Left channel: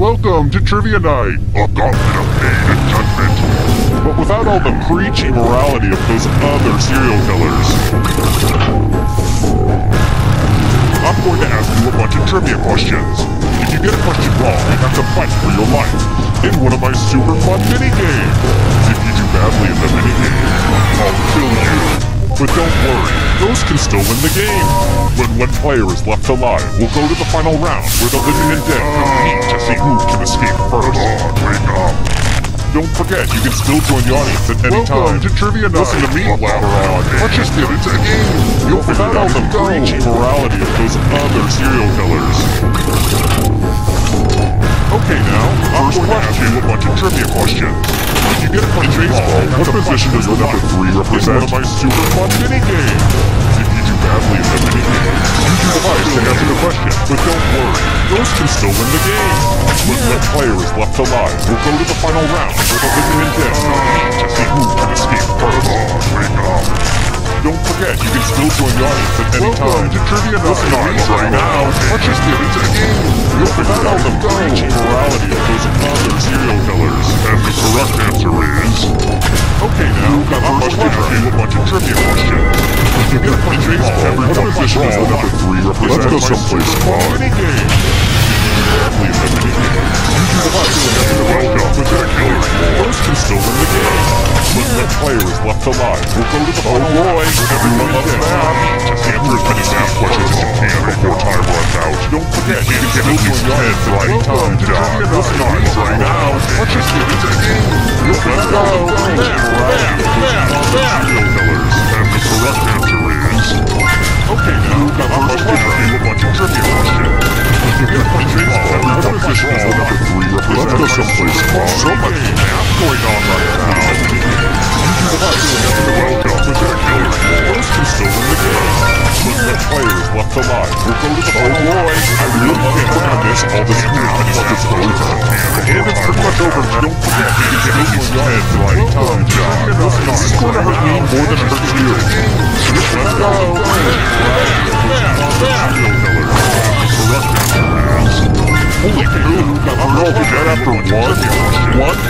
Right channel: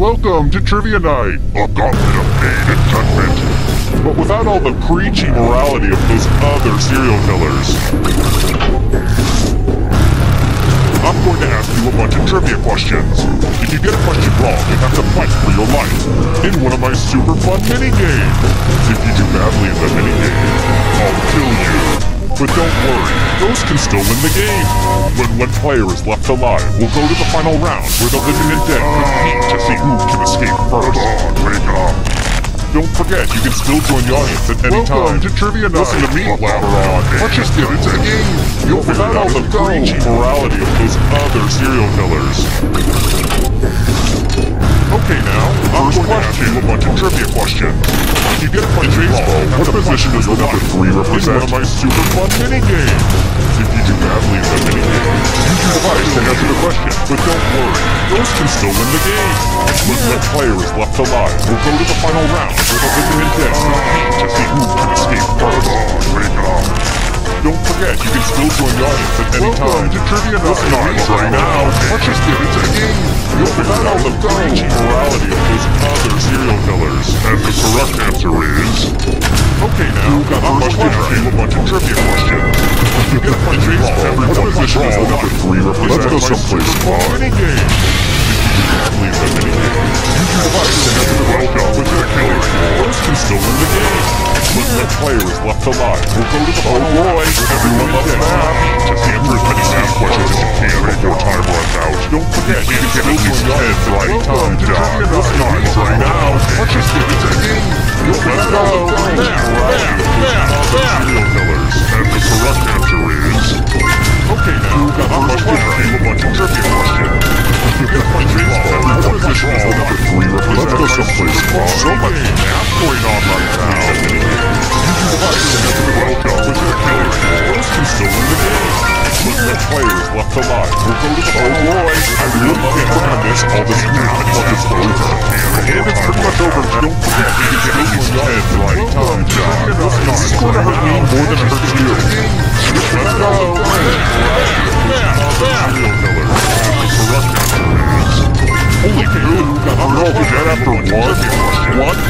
Welcome to Trivia Night, a gauntlet of pain and judgment, but without all the preachy morality of those other serial killers. I'm going to ask you a bunch of trivia questions. If you get a question wrong, you have to fight for your life in one of my super fun mini-games. If you do badly in the mini-game, I'll kill you. But don't worry, those can still win the game. When one player is left alive, we'll go to the final round where the living and dead compete to see who can escape first. Come on, wake up. Don't forget, you can still join the audience at any time. Welcome to Trivia Night. Listen to me louder on. Let's just get into the game. You'll figure out the preachy morality of those other serial killers. Okay now, I'm going to ask you a bunch of trivia questions. If you get a question wrong, what position does the number 3 represent? In one of my super fun mini-games. If you do badly in the mini-game, use your device to answer the question. But don't worry, those can still win the game. When one player is left alive, we'll go to the final round where the living and dead compete to see who can escape first. Come on, wake up. Don't forget, you can still join the audience at any time. Welcome to Trivia Night. Listen on right now. Let's just get into the game. You'll figure out the preachy morality of those other serial killers. And the correct answer is... Okay now, I'm going to ask you a bunch of trivia questions. If you get a question wrong, what position does the number 3 represent? Let's go someplace fun. Mini-game. If you do badly in the mini-game, use your device to answer the question with the killer's war. Those can still win the game. When one player is left alive, we'll go to the final round where everyone loves math. Just answer as many math questions as you can before time runs out. Don't forget, you can get at least 10 right. Time to die. Listen on right now. Let's just get into the game. Let's go. Serial killers. And the correct answer is... Okay now, I'm going to ask you a bunch of trivia questions. If you get a question wrong, what position does the number 3 represent? Let's go someplace fun. So much math going on right now. Use your device to answer the welcome with the killer's war. Those can still win the game. When one player is left alive, we'll go to the final round. I really can't work on this all this math until it's over. And it's pretty much over. Don't forget, you can get at least 10 right. Time to die. This is going to hurt me more than it hurts you. Let's go. Serial killers. And the correct answer is... Holy poo, I'm all dead after one question? Let's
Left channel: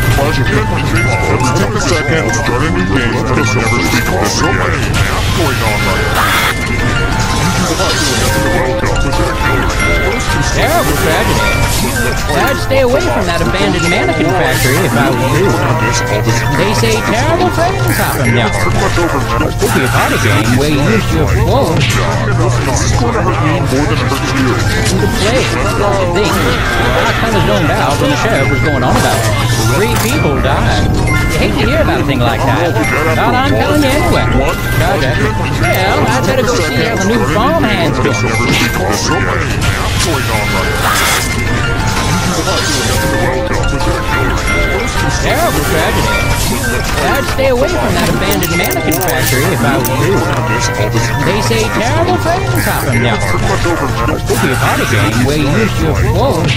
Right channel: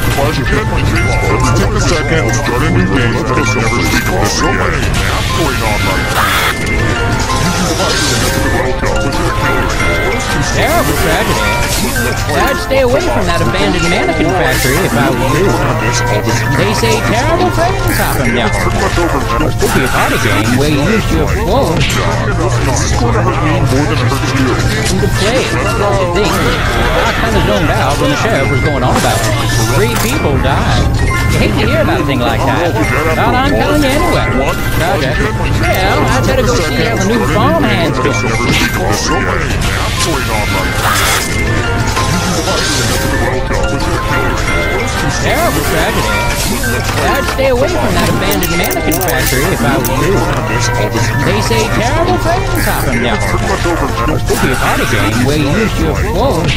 take a second and start a new game because we'll never speak of this again. So many math going on right now. Use your device to answer the welcome with the killer's war. Terrible tragedy. I'd stay away from that abandoned mannequin factory if I were you. They say terrible things happen now. It could be a party game where you use your phone This is going to hurt me more than it hurts you. to play. I think I kind of zoned out when the sheriff was going on about it. 3 people died. You hate to hear about a thing like that. But I'm telling you anyway. Project. Well, I better go see how the new farmhand's going. Never speak of this again. Math going on right now. Use your device to answer the welcome with the killer's war. Terrible tragedy. I'd stay away from that abandoned mannequin factory if I were you. They say terrible things happen now. It could be a party game where you use your phone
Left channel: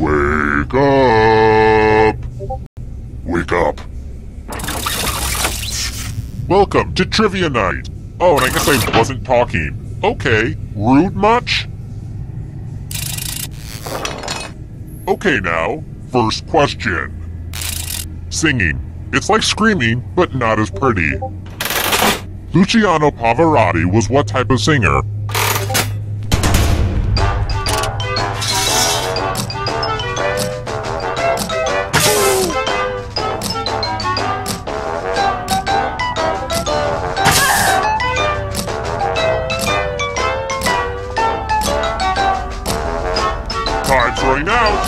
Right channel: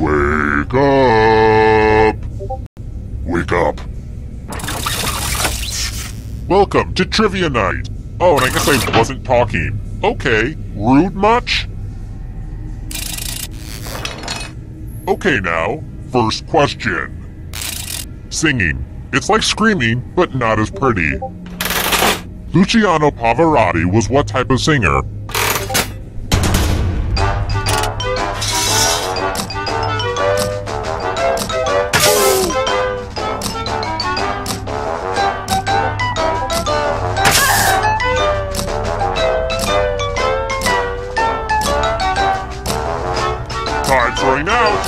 Wake up! Wake up! Welcome to Trivia Night! Oh, and I guess I wasn't talking. Okay, rude much? Okay now, first question. Singing. It's like screaming, but not as pretty. Luciano Pavarotti was what type of singer? Time's running out!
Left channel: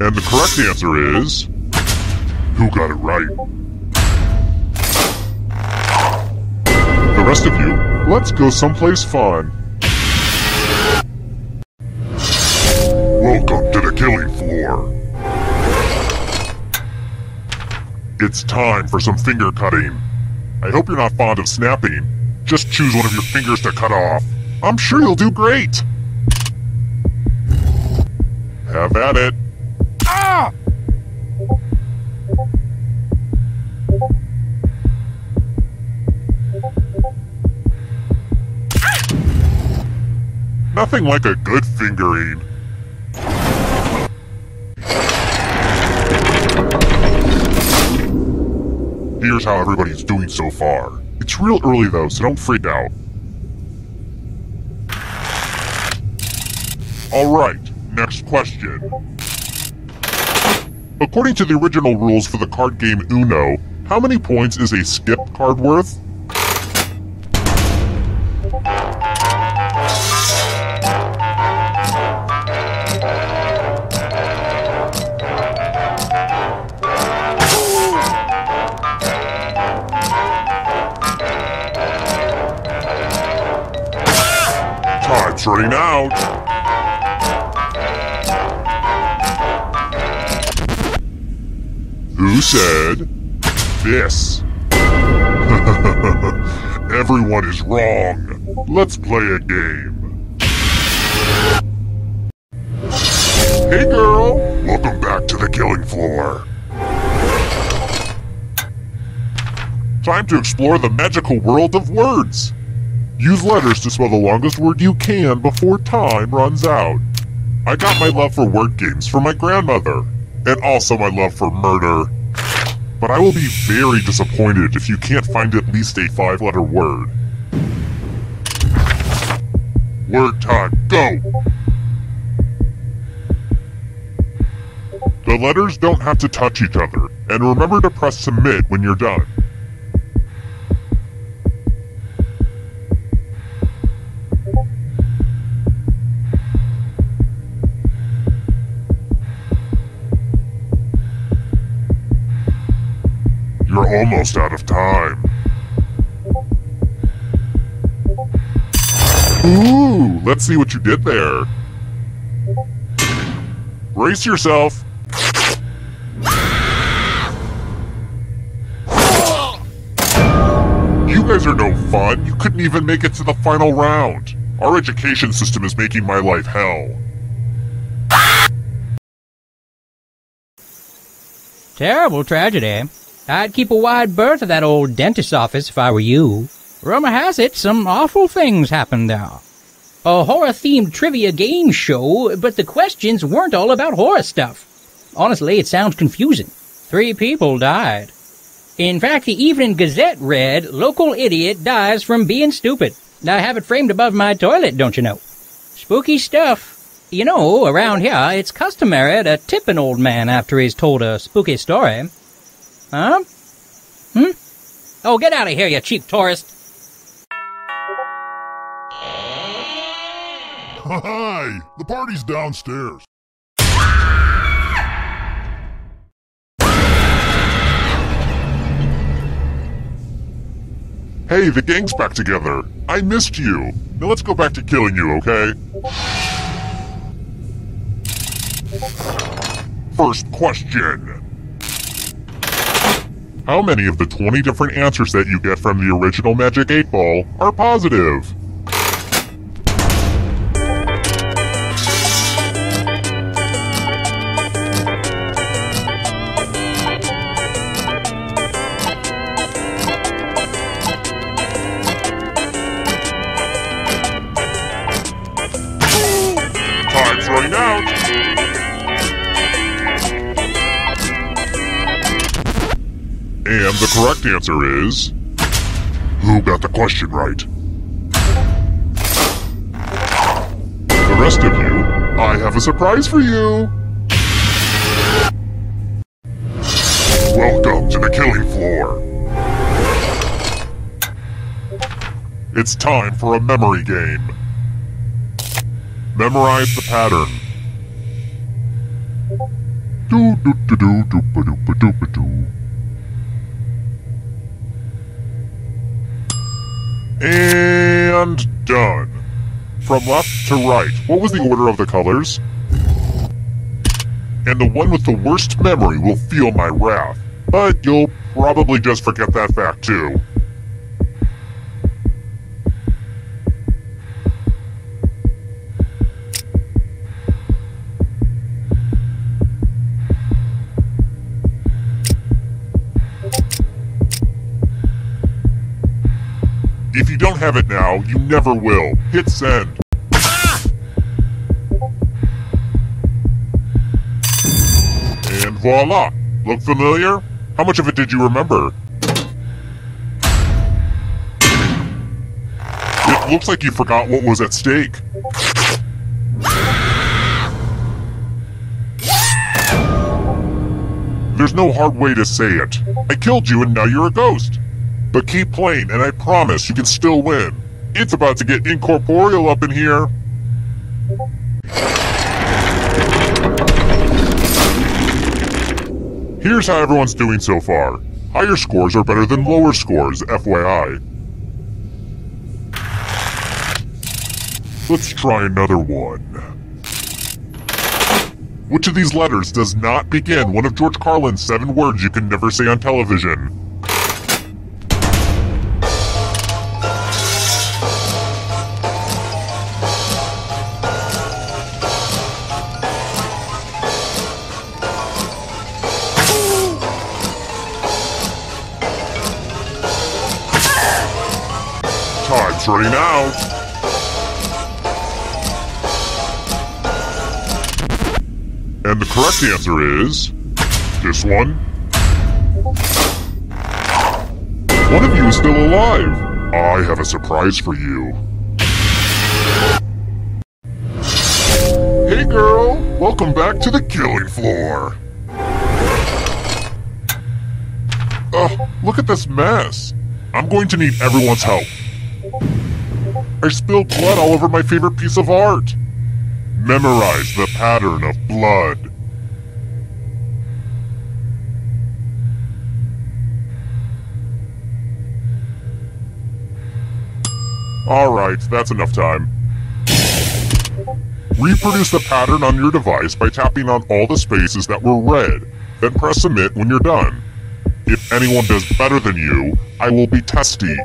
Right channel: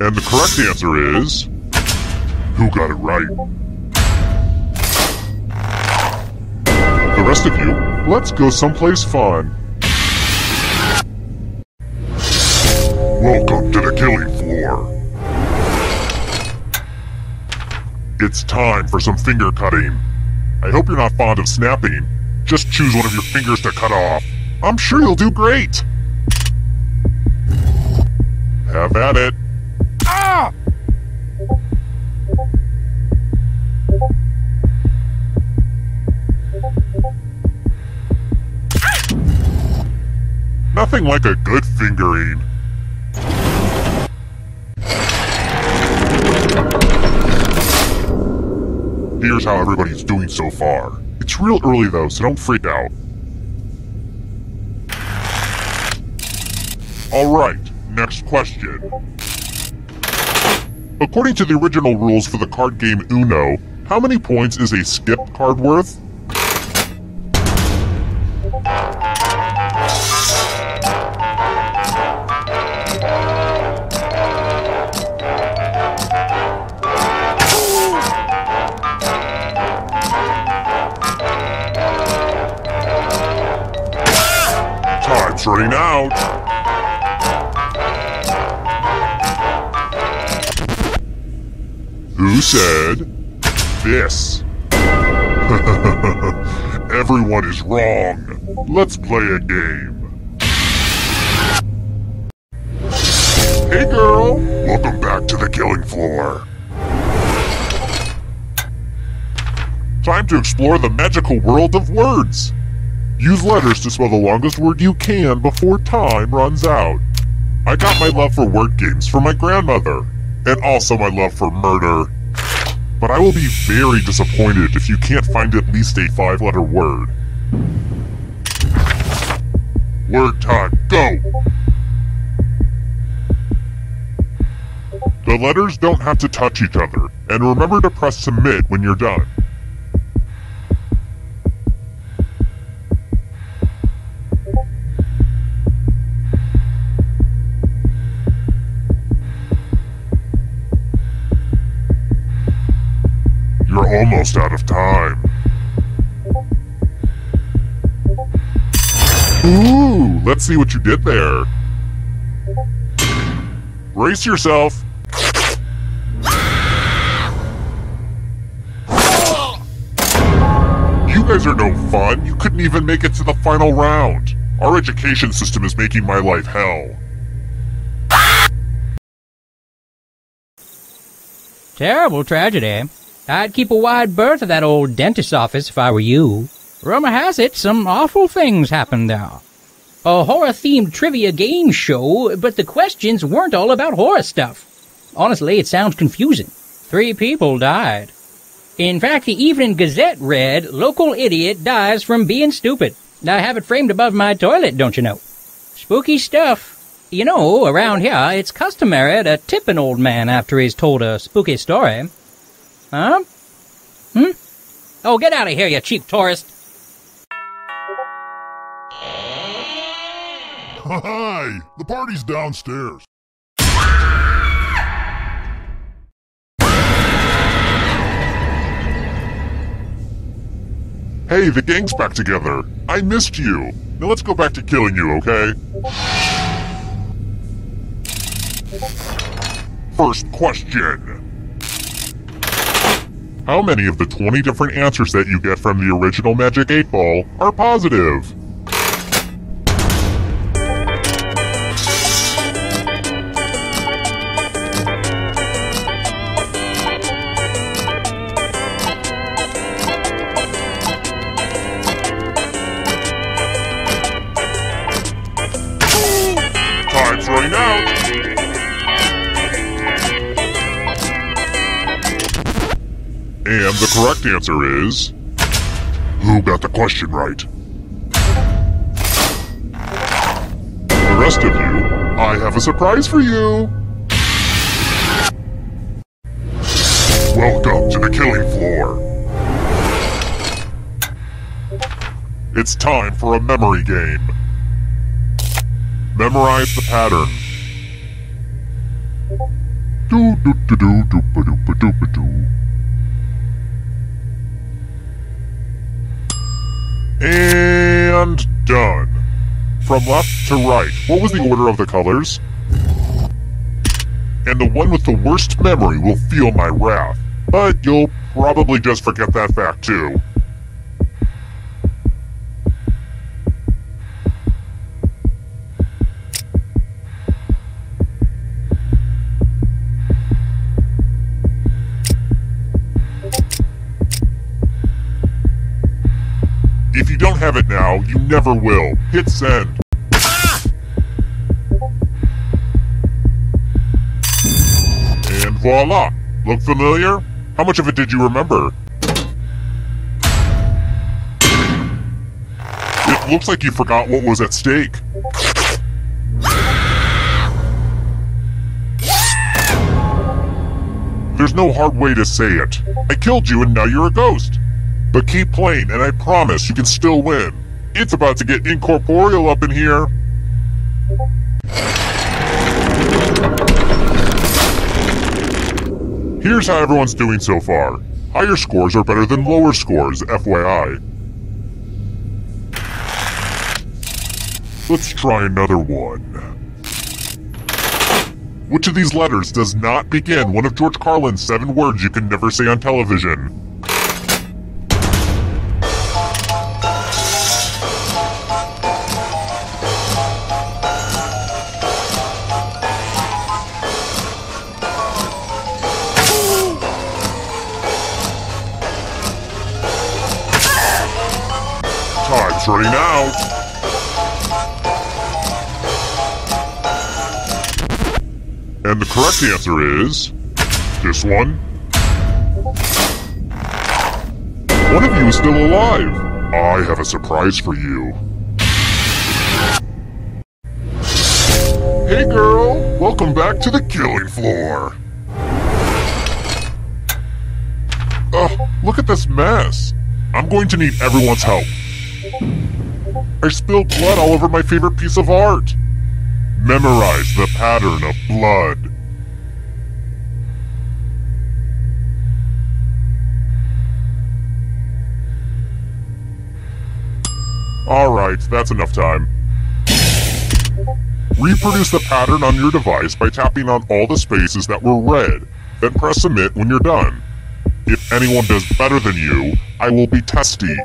And the correct answer is... Who got it right? The rest of you, let's go someplace fun. Welcome to the killing floor. It's time for some finger cutting. I hope you're not fond of snapping. Just choose one of your fingers to cut off. I'm sure you'll do great. Have at it. Ah! Nothing like a good fingering. Here's how everybody's doing so far. It's real early though, so don't freak out. Alright, next question. According to the original rules for the card game Uno, how many points is a skip card worth? Time's running out! Who said this? Everyone is wrong. Let's play a game. Hey girl! Welcome back to the killing floor. Time to explore the magical world of words. Use letters to spell the longest word you can before time runs out. I got my love for word games from my grandmother, and also my love for murder. But I will be very disappointed if you can't find at least a 5-letter word. Word time, go! The letters don't have to touch each other, and remember to press submit when you're done. You're almost out of time. Ooh, let's see what you did there. Brace yourself. You guys are no fun. You couldn't even make it to the final round. Our education system is making my life hell. Terrible tragedy. I'd keep a wide berth of that old dentist's office if I were you. Rumor has it some awful things happened there. a horror-themed trivia game show, but the questions weren't all about horror stuff. Honestly, it sounds confusing. 3 people died. In fact, the Evening Gazette read, "Local idiot dies from being stupid." I have it framed above my toilet, don't you know? Spooky stuff. You know, around here, it's customary to tip an old man after he's told a spooky story. Huh? Oh, get out of here, you cheap tourist. Hi! The party's downstairs. Hey, the gang's back together. I missed you. Now let's go back to killing you, okay? First question. How many of the 20 different answers that you get from the original Magic 8 Ball are positive? Time's running out. And the correct answer is... Who got the question right? The rest of you, I have a surprise for you! Welcome to the killing floor! It's time for a memory game. Memorize the pattern. Do-do-do-do-do-ba-do-ba-do-ba-do. And done. From left to right, what was the order of the colors? And the one with the worst memory will feel my wrath. But you'll probably just forget that fact too. If you don't have it now, you never will. Hit send. And voila! Look familiar? How much of it did you remember? It looks like you forgot what was at stake. There's no hard way to say it. I killed you and now you're a ghost. But keep playing, and I promise you can still win. It's about to get incorporeal up in here. Here's how everyone's doing so far. Higher scores are better than lower scores, FYI. Let's try another one. Which of these letters does not begin one of George Carlin's 7 words you can never say on television? Time's running out. And the correct answer is... this one. One of you is still alive. I have a surprise for you. Hey girl, welcome back to the killing floor. Look at this mess. I'm going to need everyone's help. I spilled blood all over my favorite piece of art. Memorize the pattern of blood. Alright, that's enough time. Reproduce the pattern on your device by tapping on all the spaces that were red, then press submit when you're done. If anyone does better than you, I will be testy.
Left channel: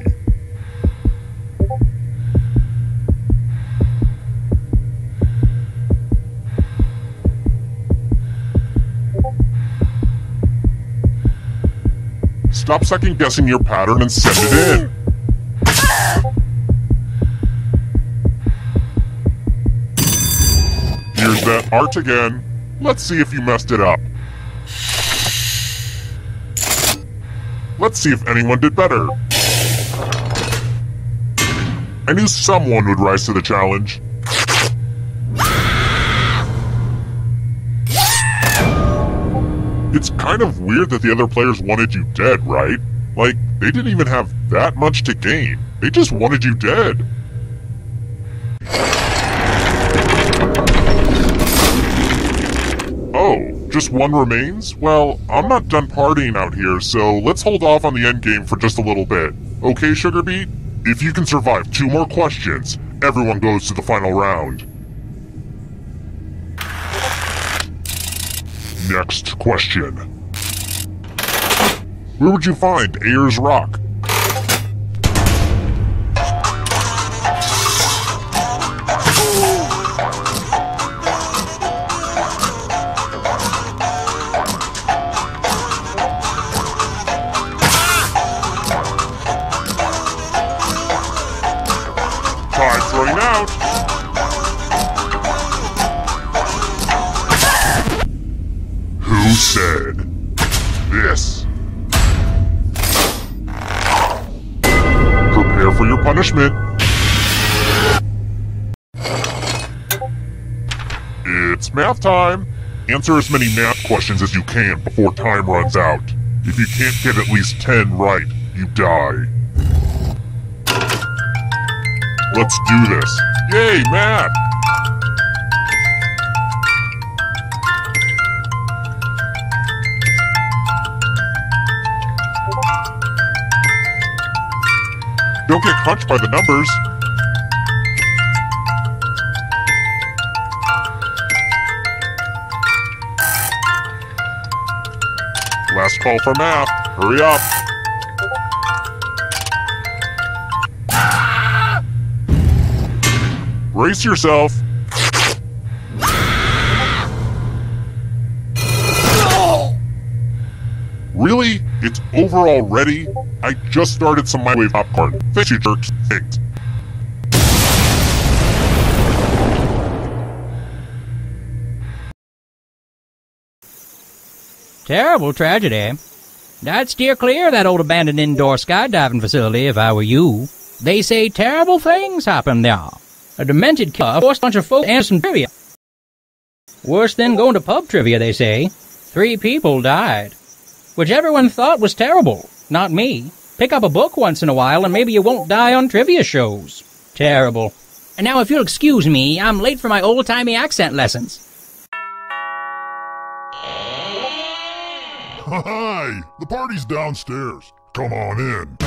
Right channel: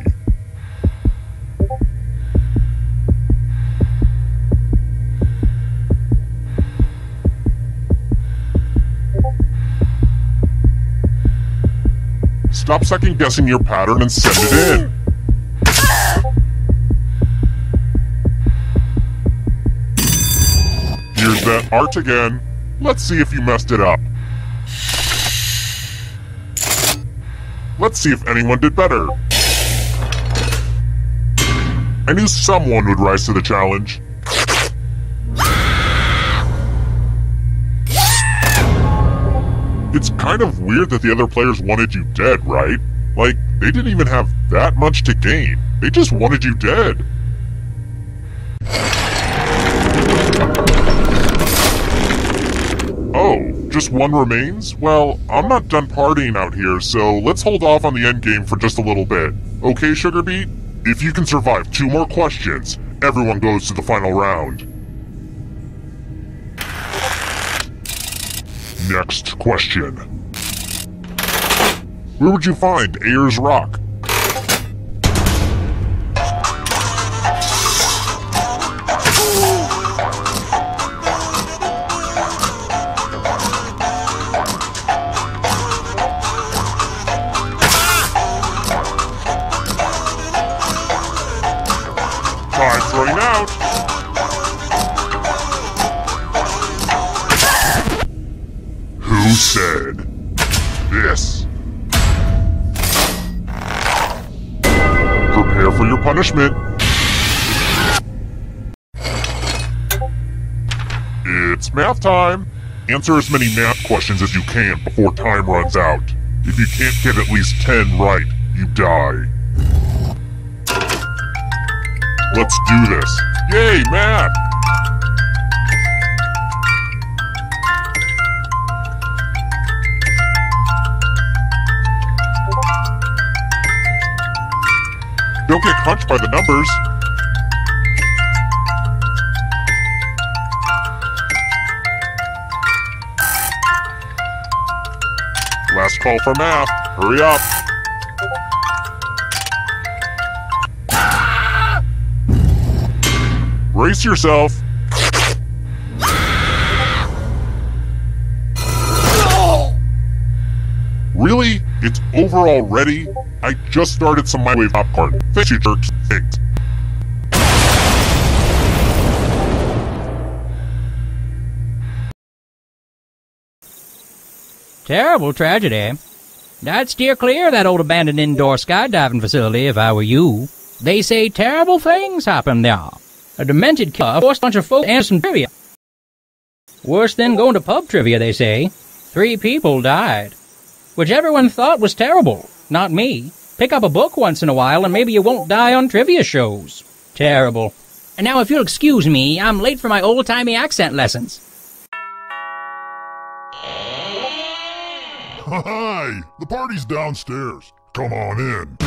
Stop second-guessing your pattern and send it in. change that art again. Let's see if you messed it up. Let's see if anyone did better. I knew someone would rise to the challenge. It's kind of weird that the other players wanted you dead, right? Like, they didn't even have that much to gain. They just wanted you dead. Oh, just one remains? Well, I'm not done partying out here, so let's hold off on the endgame for just a little bit. Okay, Sugarbeet? If you can survive 2 more questions, everyone goes to the final round. Next question. Where would you find Ayers Rock? Time's running out. Who said this? Prepare for your punishment. It's math time. Answer as many math questions as you can before time runs out. If you can't get at least 10 right, you die. Let's do this. Yay, math! Don't get crunched by the numbers. Last call for math. Hurry up. Brace yourself. Really? It's over already? I just started some microwave popcorn. Thank you, jerks. Thanks. Terrible tragedy. I'd steer clear of that old abandoned indoor skydiving facility if I were you. They say terrible things happen there. A demented killer forced a bunch of folk to answer some trivia. Worse than going to pub trivia, they say. 3 people died. Which everyone thought was terrible. Not me. Pick up a book once in a while and maybe you won't die on trivia shows. Terrible. And now if you'll excuse me, I'm late for my old-timey accent lessons. Hi! The party's downstairs. Come on in.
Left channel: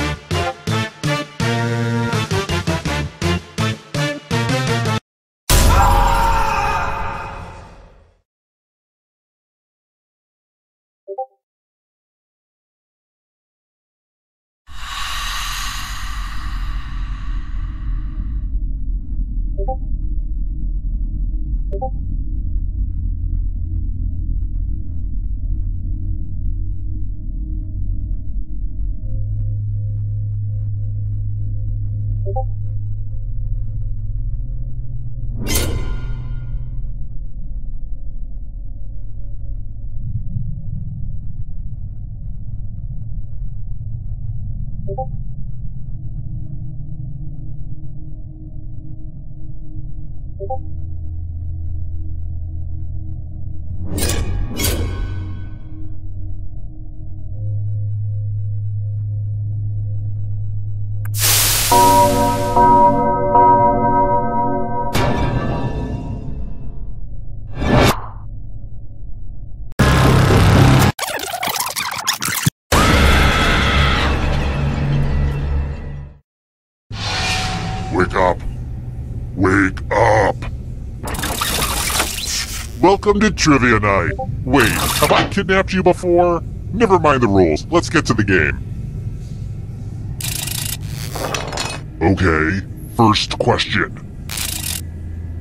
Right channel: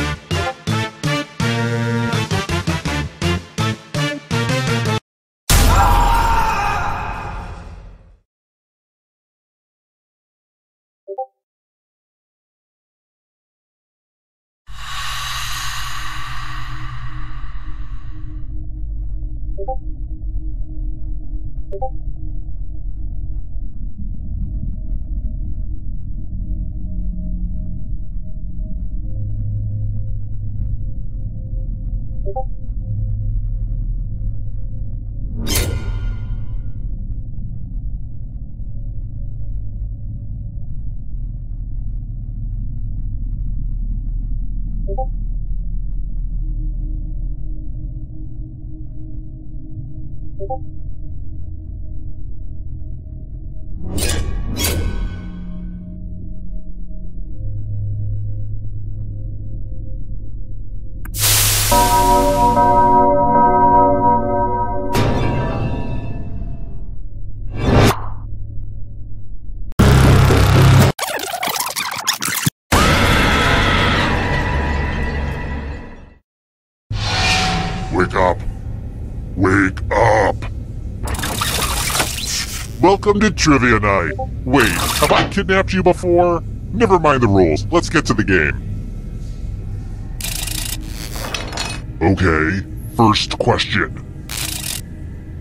Wake up. Wake up. Welcome to Trivia Night. Wait, have I kidnapped you before? Never mind the rules. Let's get to the game. Okay, first question.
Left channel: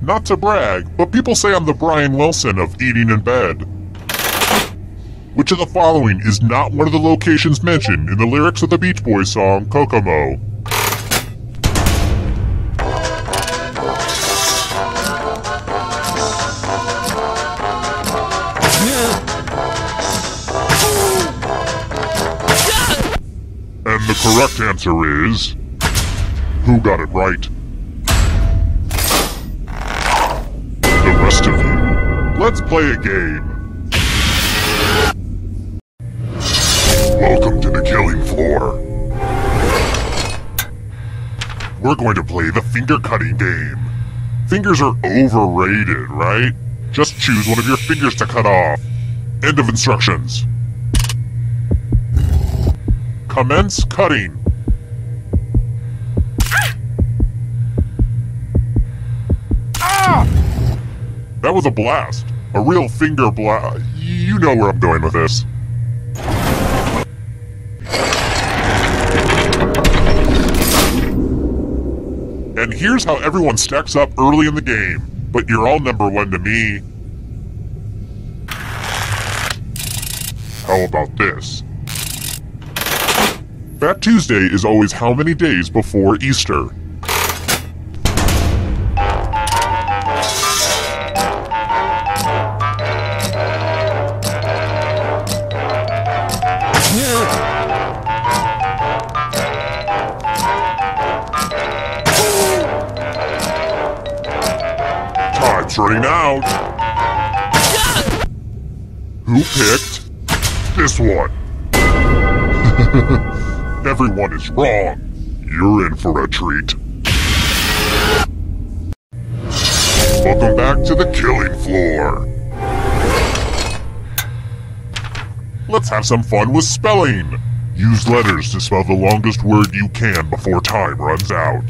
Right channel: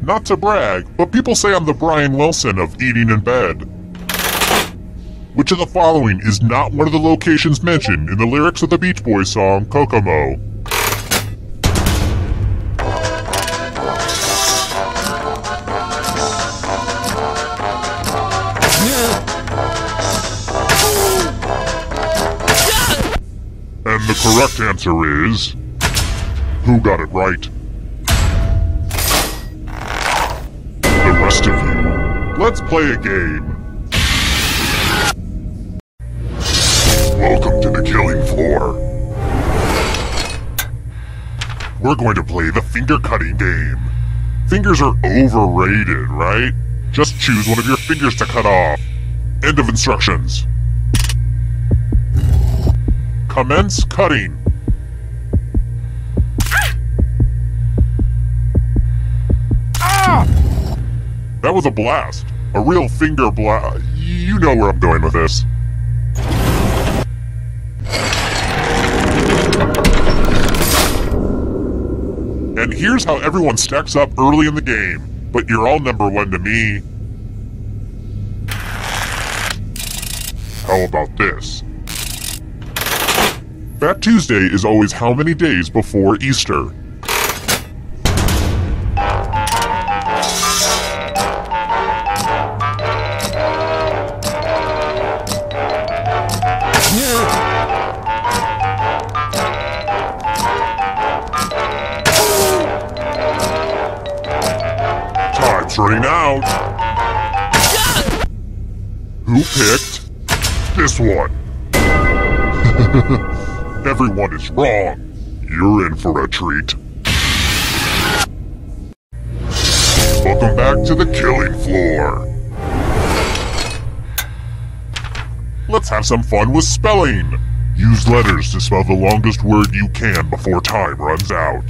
Not to brag, but people say I'm the Brian Wilson of Eating in Bed. Which of the following is not one of the locations mentioned in the lyrics of the Beach Boys song, Kokomo? correct answer is... Who got it right? The rest of you, let's play a game. Welcome to the killing floor. We're going to play the finger cutting game. Fingers are overrated, right? Just choose one of your fingers to cut off. End of instructions. Commence cutting. Ah! That was a blast. A real finger blast. You know where I'm going with this. And here's how everyone stacks up early in the game, but you're all number one to me. How about this? Fat Tuesday is always how many days before Easter? Time's running out. Who picked this one? Everyone is wrong. You're in for a treat. Welcome back to the killing floor. Let's have some fun with spelling. Use letters to spell the longest word you can before time runs out.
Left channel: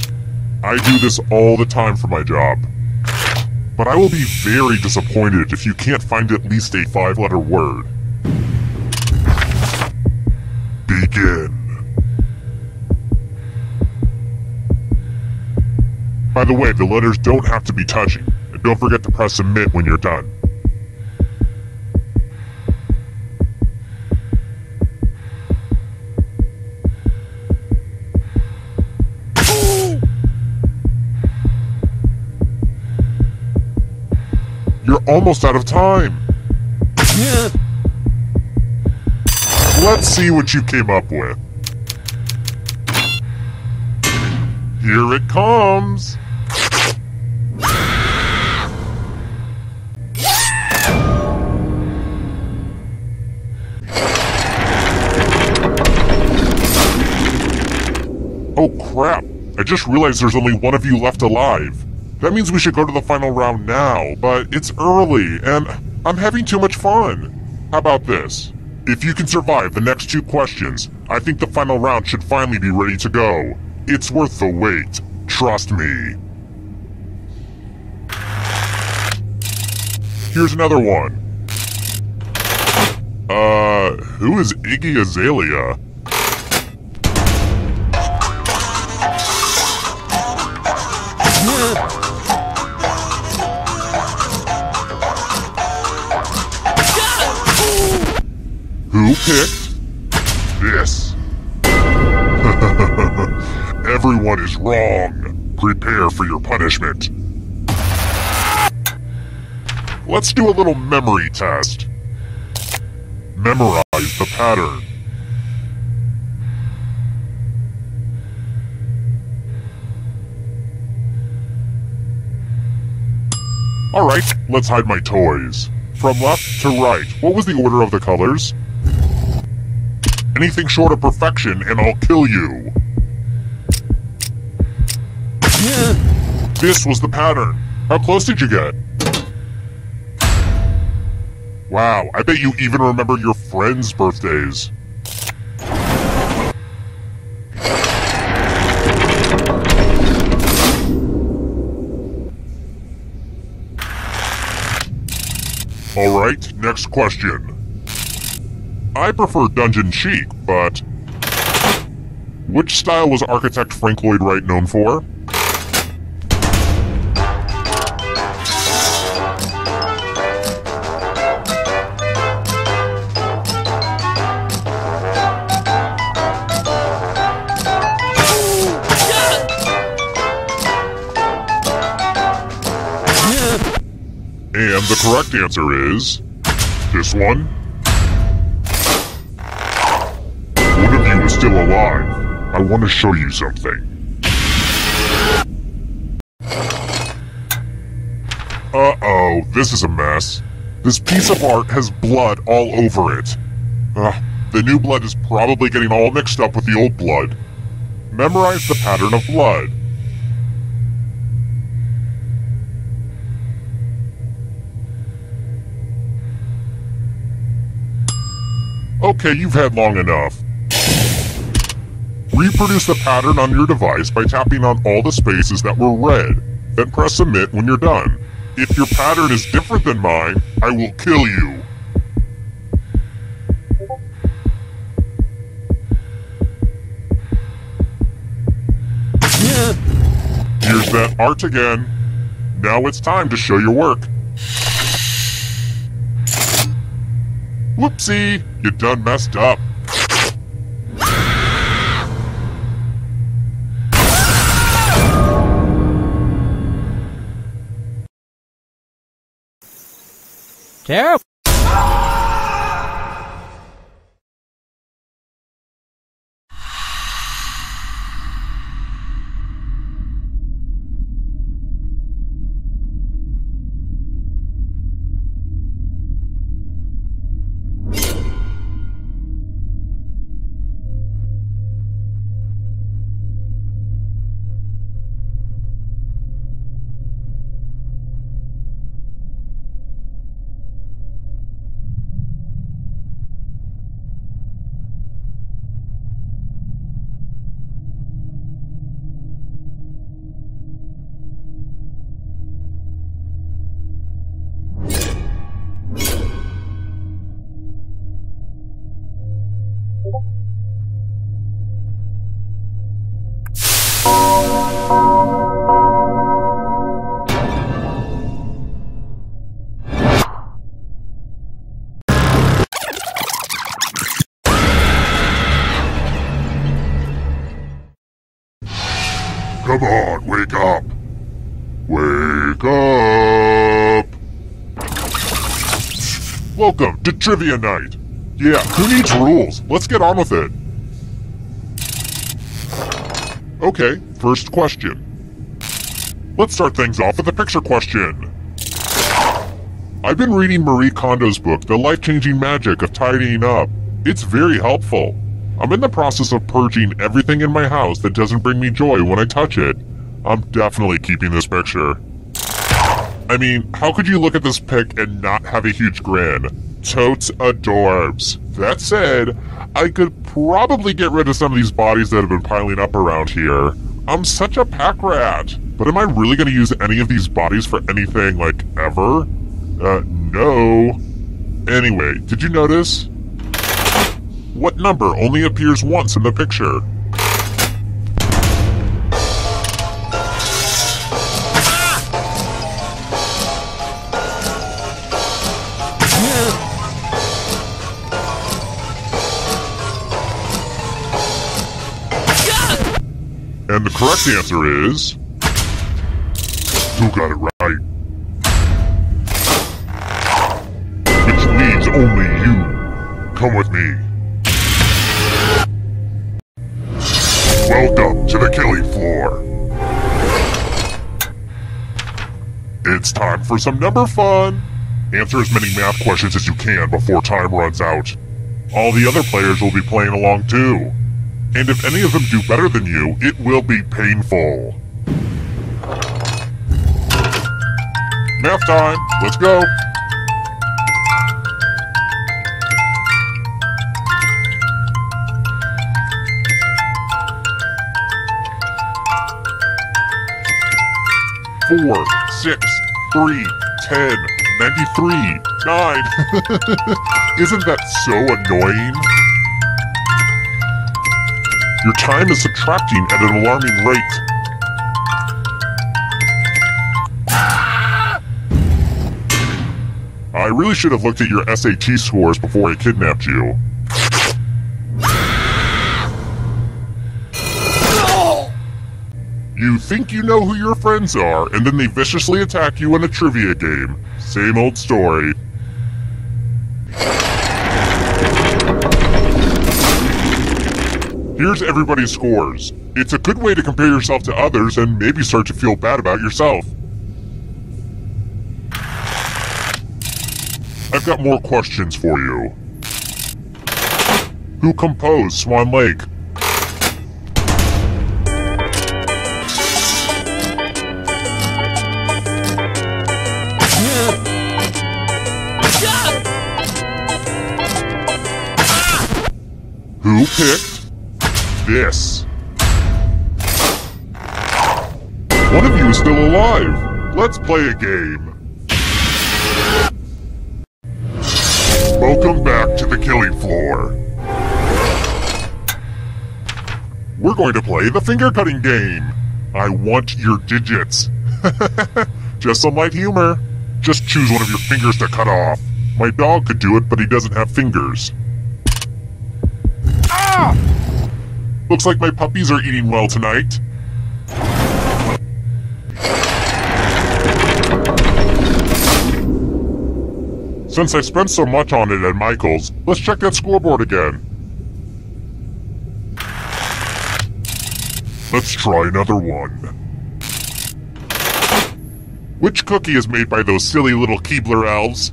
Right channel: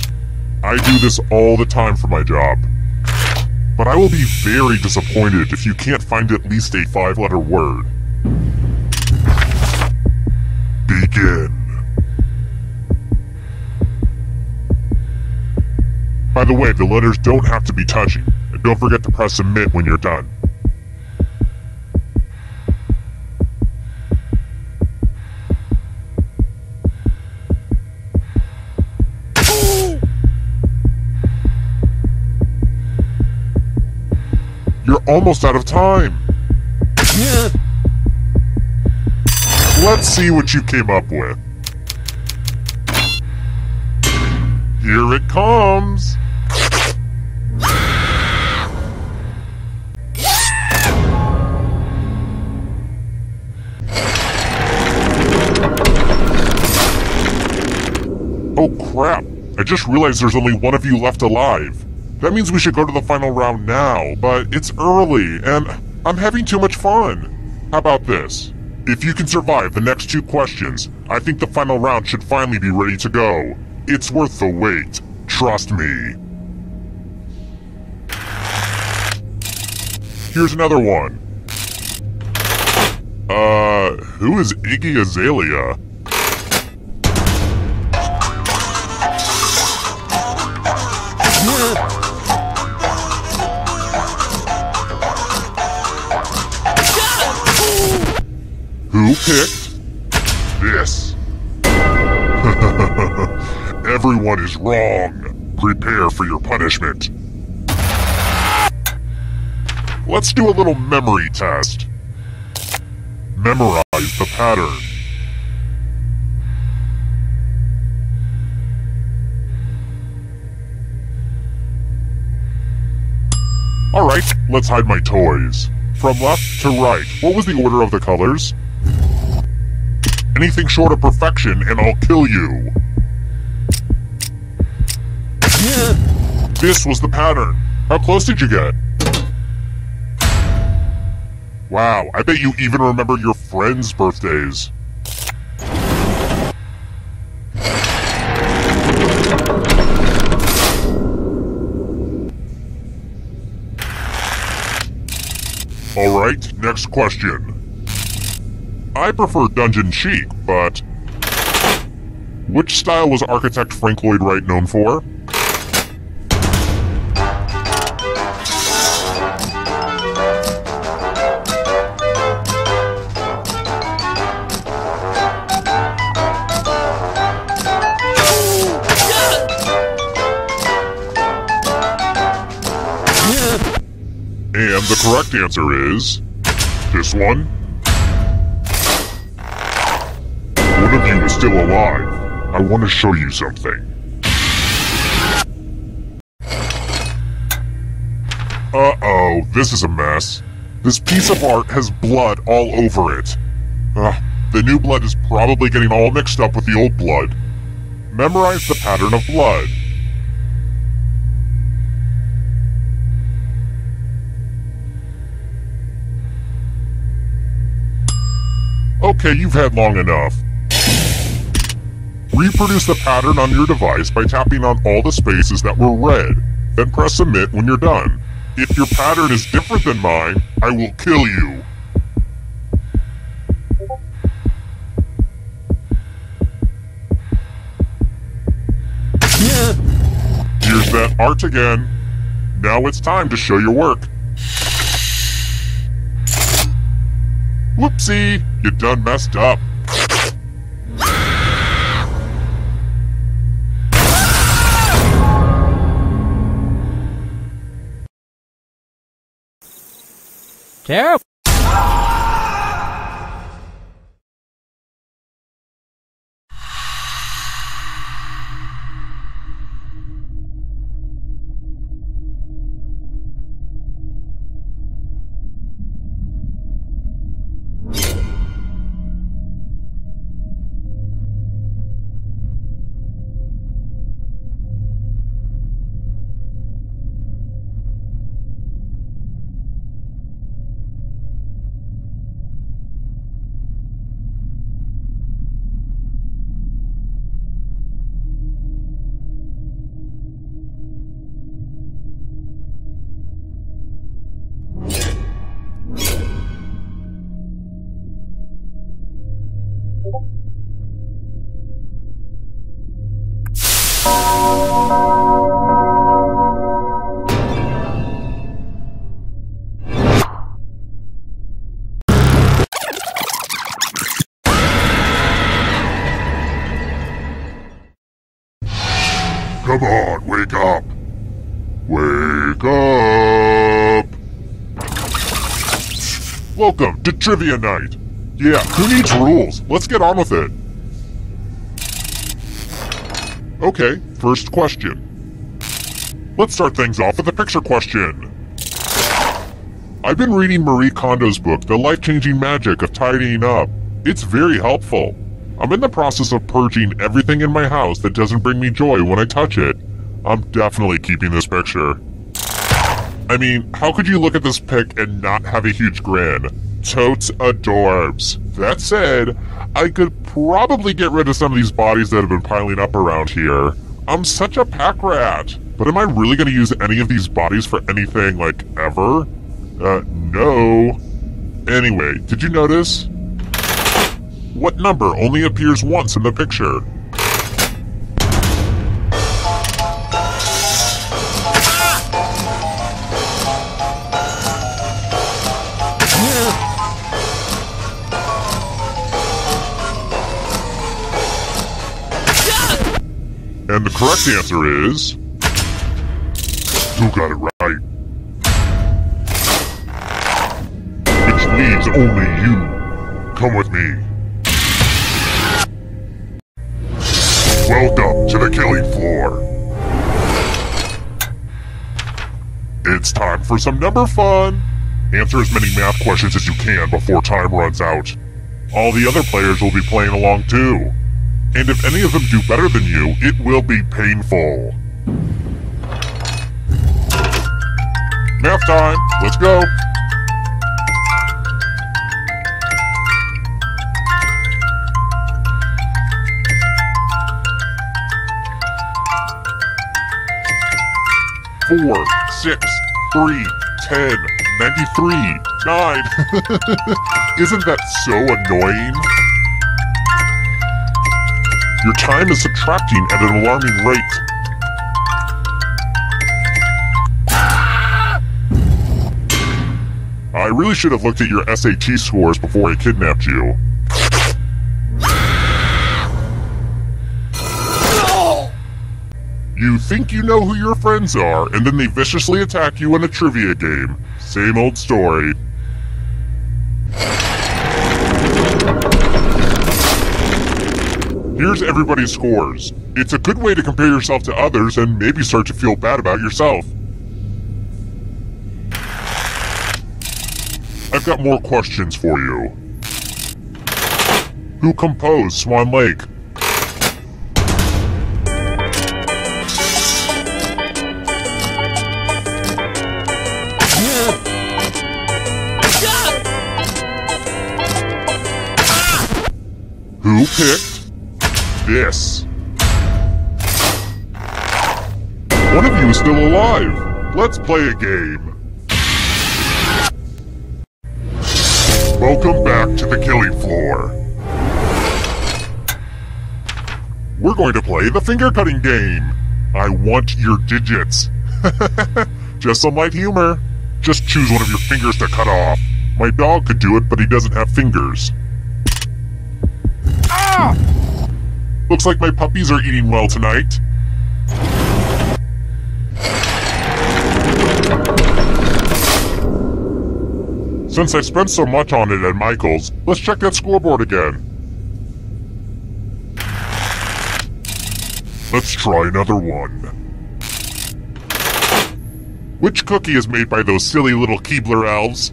I do this all the time for my job. But I will be very disappointed if you can't find at least a 5-letter word. Begin. By the way, the letters don't have to be touching, and don't forget to press submit when you're done. You're almost out of time. Let's see what you came up with. Here it comes. Oh crap, I just realized there's only one of you left alive. That means we should go to the final round now, but it's early, and I'm having too much fun. How about this? If you can survive the next 2 questions, I think the final round should finally be ready to go. It's worth the wait. Trust me. Here's another one. Who is Iggy Azalea? Who picked this? Everyone is wrong. Prepare for your punishment. Let's do a little memory test. Memorize the pattern. Alright, let's hide my toys. From left to right, what was the order of the colors? Anything short of perfection and I'll kill you. This was the pattern. How close did you get? Wow, I bet you even remember your friends' birthdays. Alright, next question. I prefer Dungeon Chic, but... which style was architect Frank Lloyd Wright known for? And the correct answer is... this one? One of you is still alive. I want to show you something. Uh-oh, this is a mess. This piece of art has blood all over it. The new blood is probably getting all mixed up with the old blood. Memorize the pattern of blood. Okay, you've had long enough. Reproduce the pattern on your device by tapping on all the spaces that were red. Then press submit when you're done. If your pattern is different than mine, I will kill you. Here's that art again. Now it's time to show your work. Whoopsie, you done messed up. Terrible. Come on, wake up! Wake up! Welcome to Trivia Night! Yeah, who needs rules? Let's get on with it! Okay, first question. Let's start things off with a picture question. I've been reading Marie Kondo's book, The Life-Changing Magic of Tidying Up. It's very helpful. I'm in the process of purging everything in my house that doesn't bring me joy when I touch it. I'm definitely keeping this picture. I mean, how could you look at this pic and not have a huge grin? Totes adorbs. That said, I could probably get rid of some of these bodies that have been piling up around here. I'm such a pack rat. But am I really going to use any of these bodies for anything, like, ever? No. Anyway, did you notice? What number only appears once in the picture? And the correct answer is... You got it right. Which leaves only you. Come with me. Welcome to the killing floor. It's time for some number fun. Answer as many math questions as you can before time runs out. All the other players will be playing along too. And if any of them do better than you, it will be painful. Math time, let's go. Four, 6, 3, 10, 93, 9. Isn't that so annoying? Your time is subtracting at an alarming rate. I really should have looked at your SAT scores before I kidnapped you. You think you know who your friends are, and then they viciously attack you in a trivia game. Same old story. Here's everybody's scores. It's a good way to compare yourself to others and maybe start to feel bad about yourself. I've got more questions for you. Who composed Swan Lake? Who picked this? One of you is still alive. Let's play a game. Welcome back to the killing floor. We're going to play the finger cutting game. I want your digits. Just some light humor. Just choose one of your fingers to cut off. My dog could do it, but he doesn't have fingers. Ah! Looks like my puppies are eating well tonight. Since I spent so much on it at Michael's, let's check that scoreboard again. Let's try another one. Which cookie is made by those silly little Keebler elves?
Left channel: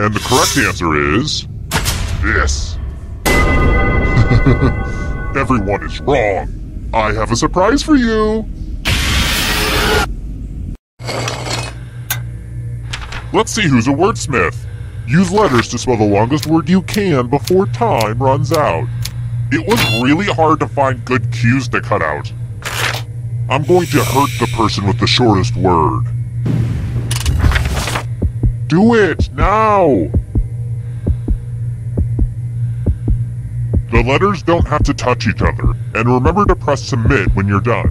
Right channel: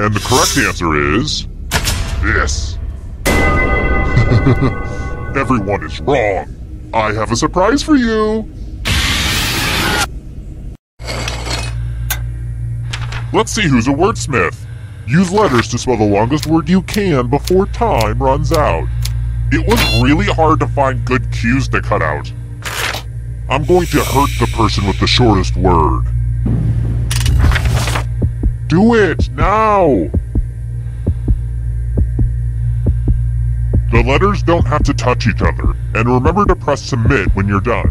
And the correct answer is... this. Everyone is wrong. I have a surprise for you. Let's see who's a wordsmith. Use letters to spell the longest word you can before time runs out. It was really hard to find good cues to cut out. I'm going to hurt the person with the shortest word. Do it, now! The letters don't have to touch each other, and remember to press submit when you're done.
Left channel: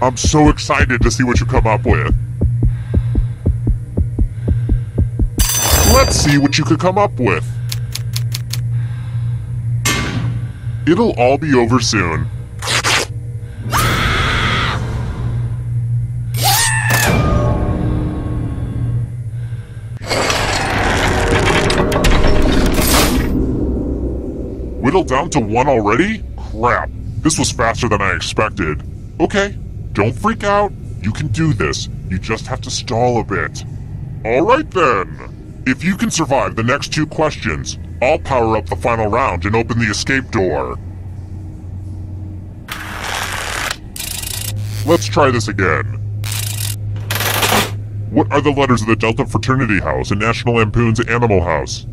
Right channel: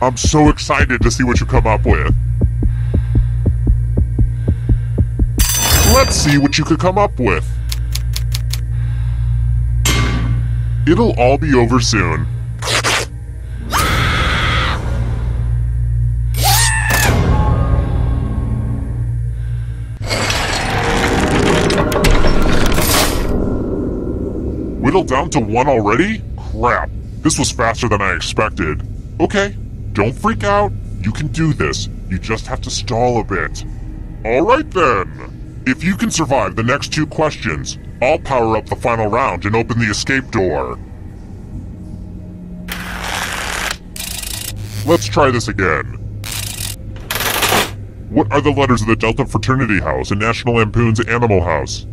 I'm so excited to see what you come up with. Let's see what you could come up with. It'll all be over soon. Whittled down to 1 already? Crap, this was faster than I expected. Okay, don't freak out. You can do this. You just have to stall a bit. Alright then. If you can survive the next 2 questions, I'll power up the final round and open the escape door. Let's try this again. What are the letters of the Delta Fraternity House in National Lampoon's Animal House?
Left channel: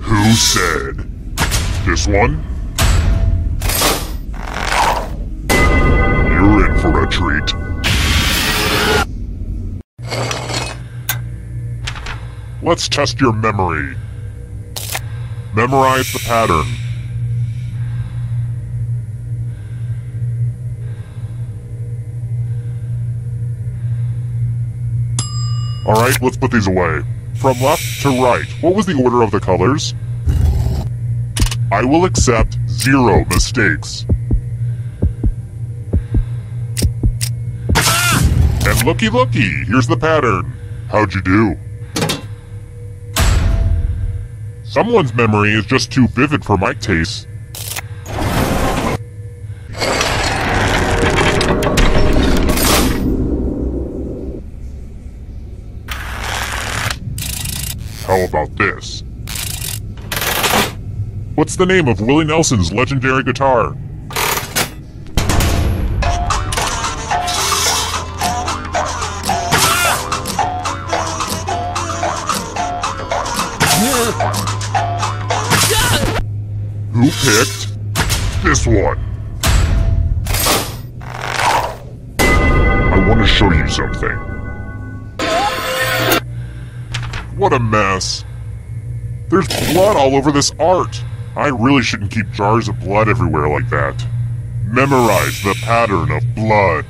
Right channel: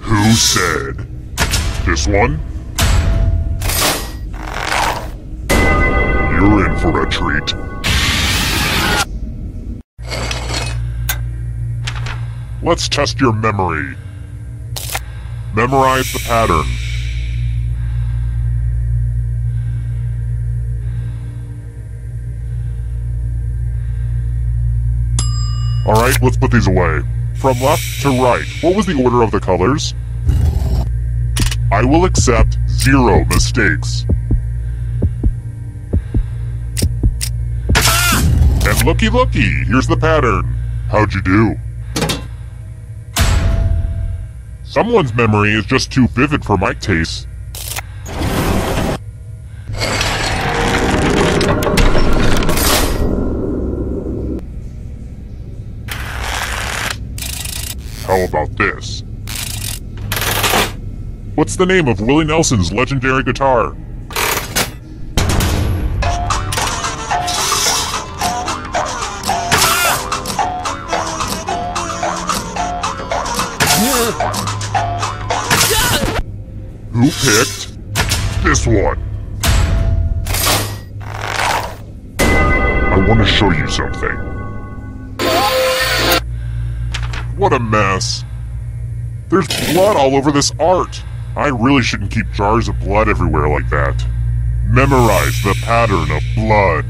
Who said? This one? You're in for a treat. Let's test your memory. Memorize the pattern. Alright, let's put these away. From left to right, what was the order of the colors? I will accept 0 mistakes. And looky looky, here's the pattern. How'd you do? Someone's memory is just too vivid for my taste. How about this? What's the name of Willie Nelson's legendary guitar? Who picked this one? I want to show you something. What a mess. There's blood all over this art. I really shouldn't keep jars of blood everywhere like that. Memorize the pattern of blood.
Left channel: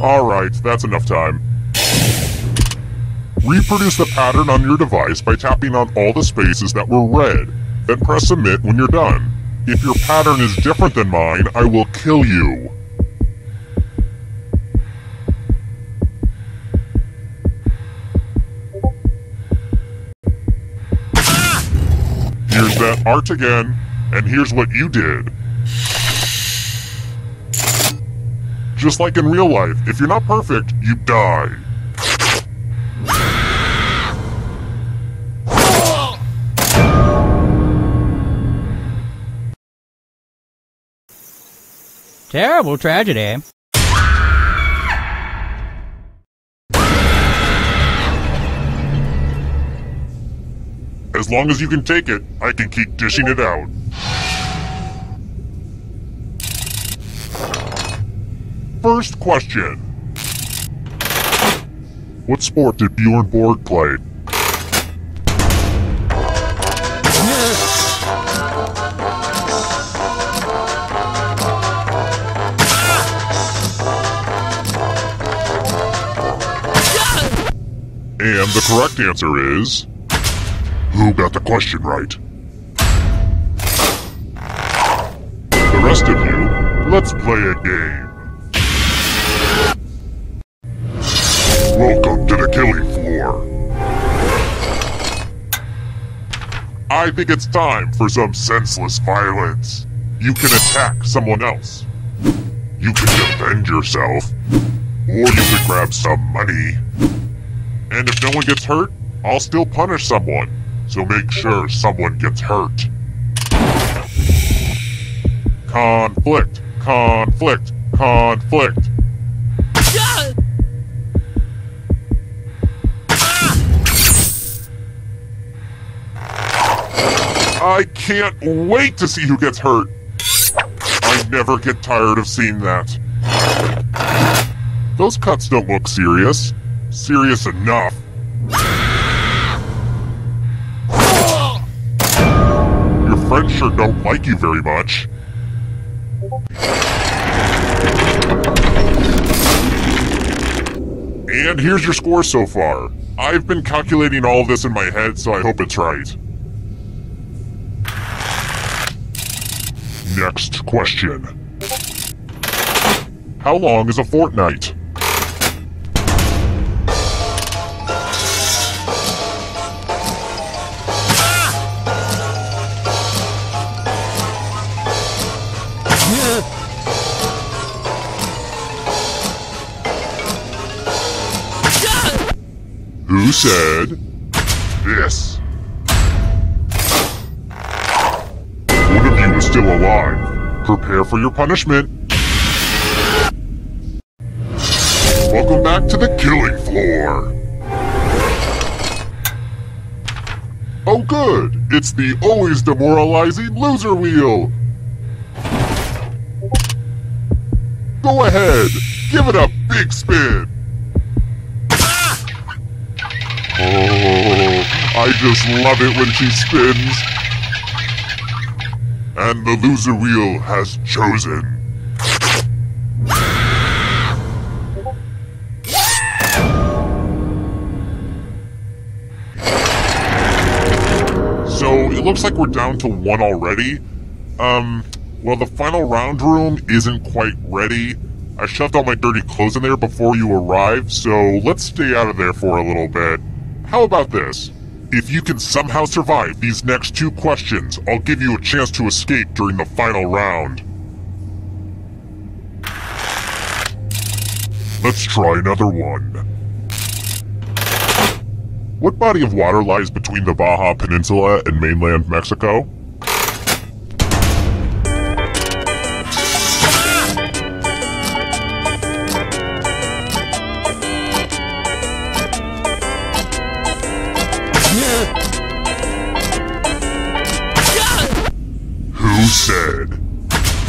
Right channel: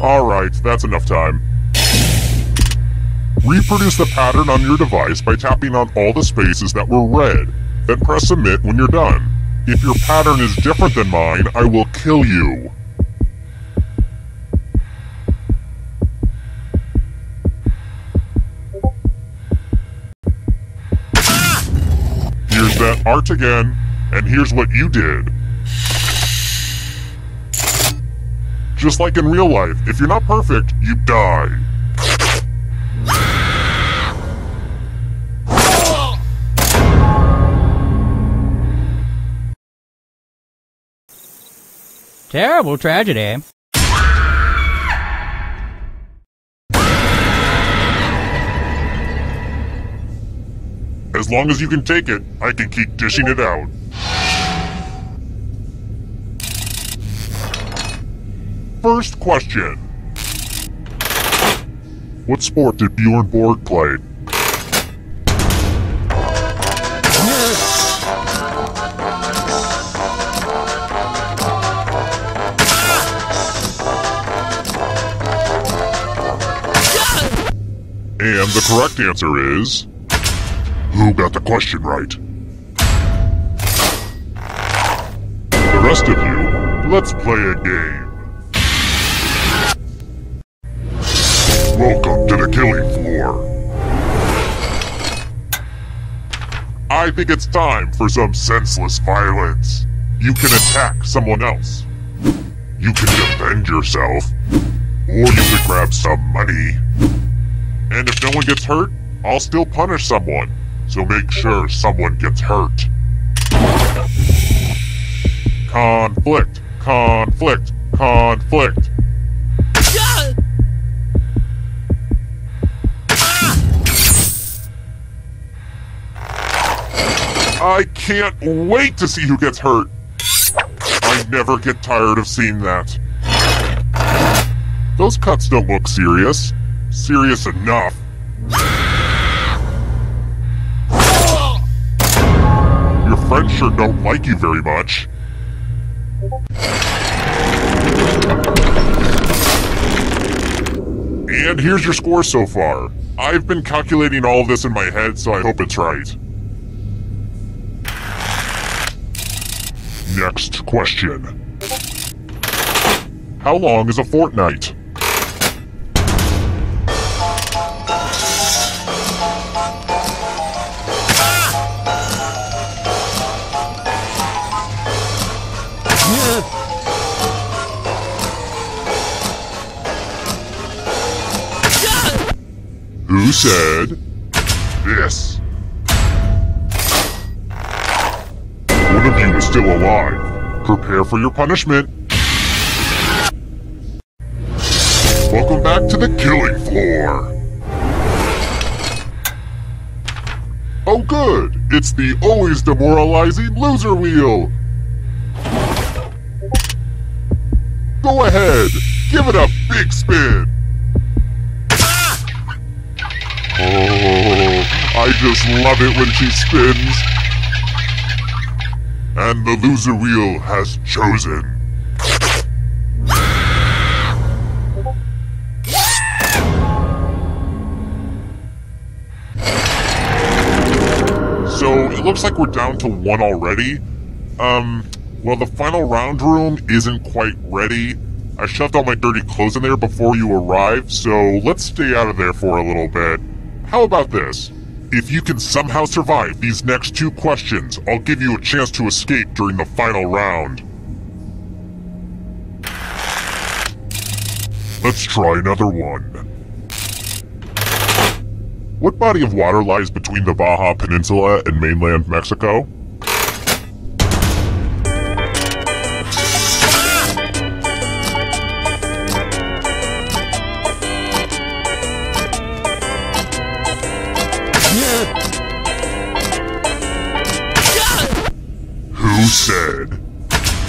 Alright, that's enough time. Reproduce the pattern on your device by tapping on all the spaces that were red, then press submit when you're done. If your pattern is different than mine, I will kill you. Here's that art again, and here's what you did. Just like in real life, if you're not perfect, you die. Terrible tragedy. As long as you can take it, I can keep dishing it out. First question. What sport did Bjorn Borg play? And the correct answer is... Who got the question right? The rest of you, let's play a game. Welcome to the killing floor. I think it's time for some senseless violence. You can attack someone else. You can defend yourself. Or you can grab some money. And if no one gets hurt, I'll still punish someone. So make sure someone gets hurt. Conflict, conflict, conflict. I can't wait to see who gets hurt. I never get tired of seeing that. Those cuts don't look serious. Serious enough. Your friends sure don't like you very much. And here's your score so far. I've been calculating all of this in my head, so I hope it's right. Next question. How long is a fortnight? Who said this? One of you is still alive. Prepare for your punishment. Welcome back to the killing floor. Oh good, it's the always demoralizing loser wheel. Go ahead, give it a big spin. Oh, I just love it when she spins. And the loser wheel has chosen. So, it looks like we're down to one already. Well, the final round room isn't quite ready. I shoved all my dirty clothes in there before you arrived, so let's stay out of there for a little bit. How about this? If you can somehow survive these next two questions, I'll give you a chance to escape during the final round. Let's try another one. What body of water lies between the Baja Peninsula and mainland Mexico?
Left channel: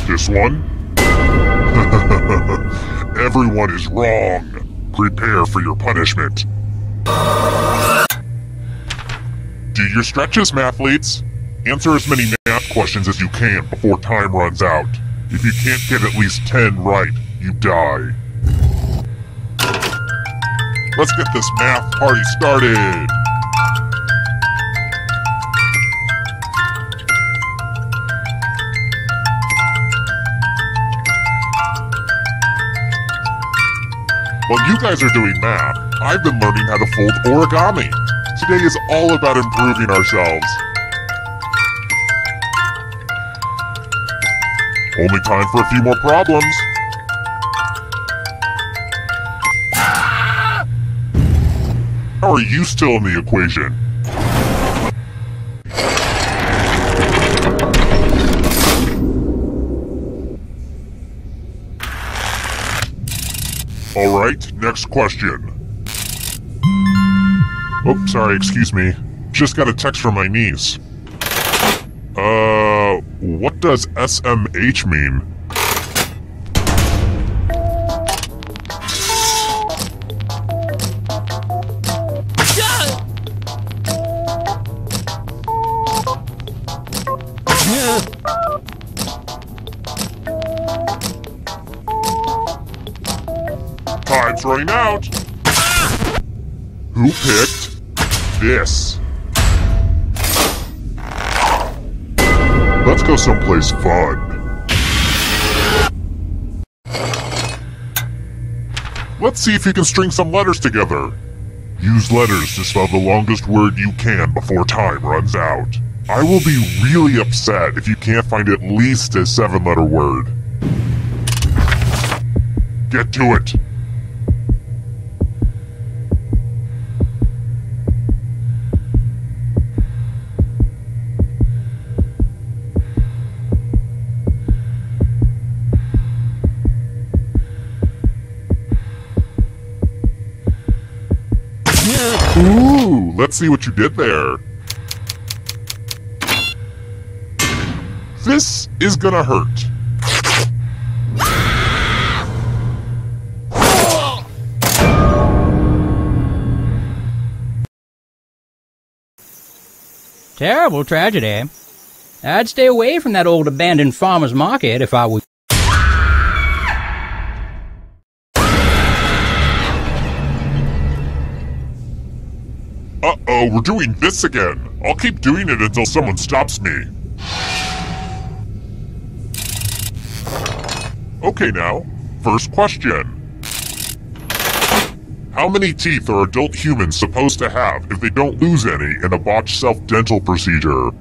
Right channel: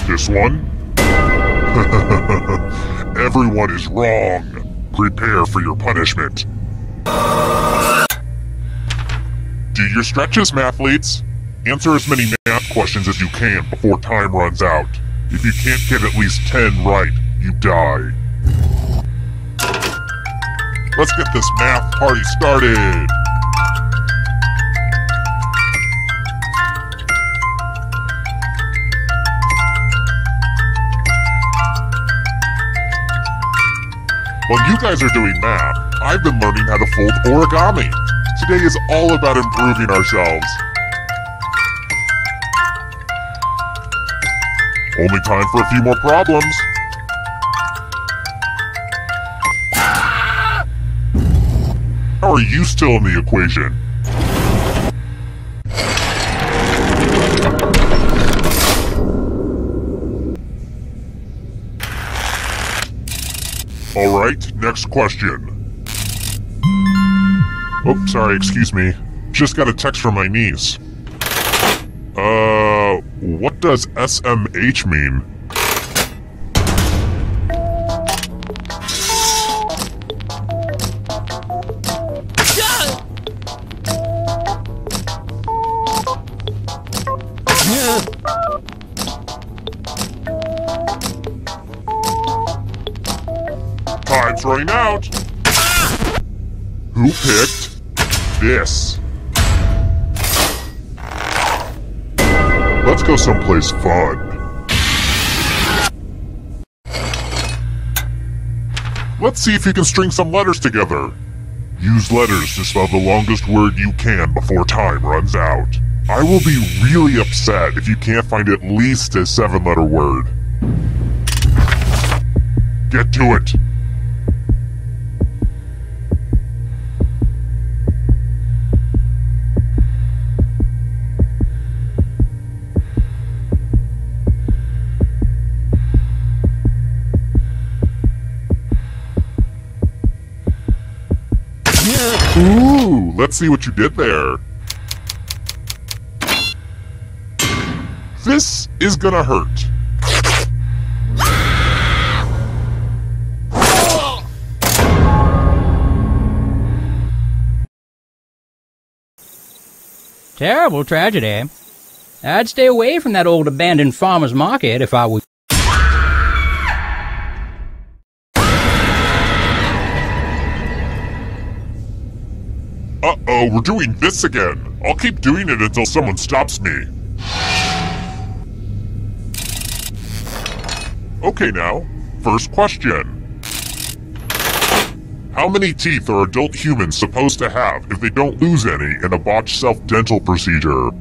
This one? Everyone is wrong. Prepare for your punishment. Do your stretches, mathletes. Answer as many math questions as you can before time runs out. If you can't get at least 10 right, you die. Let's get this math party started. While you guys are doing math, I've been learning how to fold origami. Today is all about improving ourselves. Only time for a few more problems. How are you still in the equation? Alright, next question. Oh, sorry, excuse me. Just got a text from my niece. What does SMH mean? Time's running out! Who picked this? Let's go someplace fun. Let's see if you can string some letters together. Use letters to spell the longest word you can before time runs out. I will be really upset if you can't find at least a 7-letter word. Get to it. Ooh, let's see what you did there. This is gonna hurt. Terrible tragedy. I'd stay away from that old abandoned farmer's market if I were... Uh-oh, we're doing this again. I'll keep doing it until someone stops me. Okay now, first question. How many teeth are adult humans supposed to have if they don't lose any in a botched self-dental procedure?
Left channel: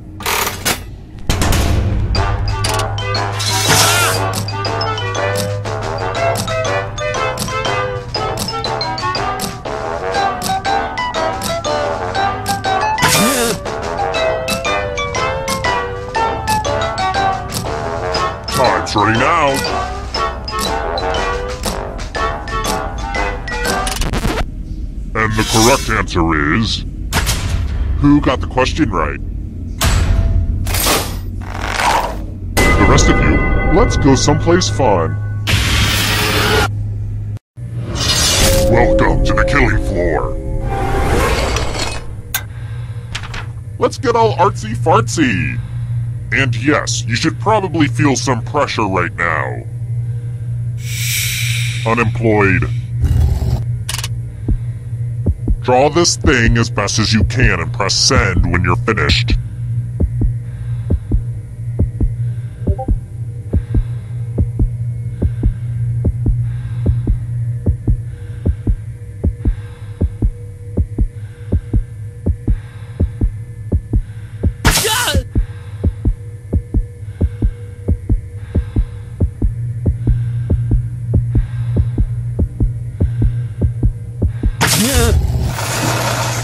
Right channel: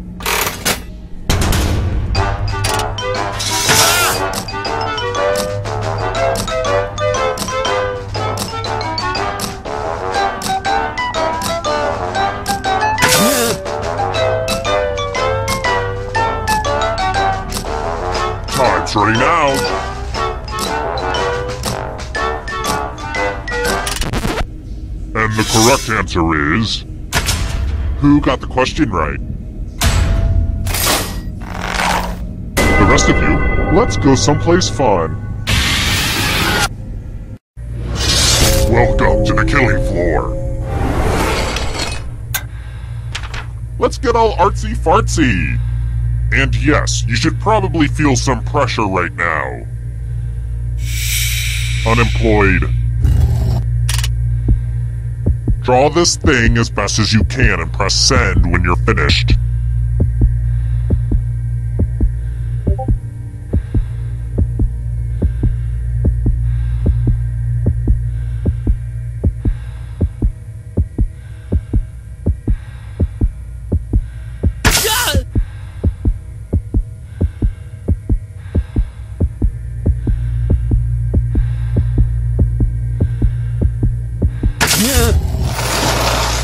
Time's running out. And the correct answer is... Who got the question right? The rest of you, let's go someplace fun. Welcome to the killing floor. Let's get all artsy-fartsy. And yes, you should probably feel some pressure right now. Unemployed. Draw this thing as best as you can and press send when you're finished.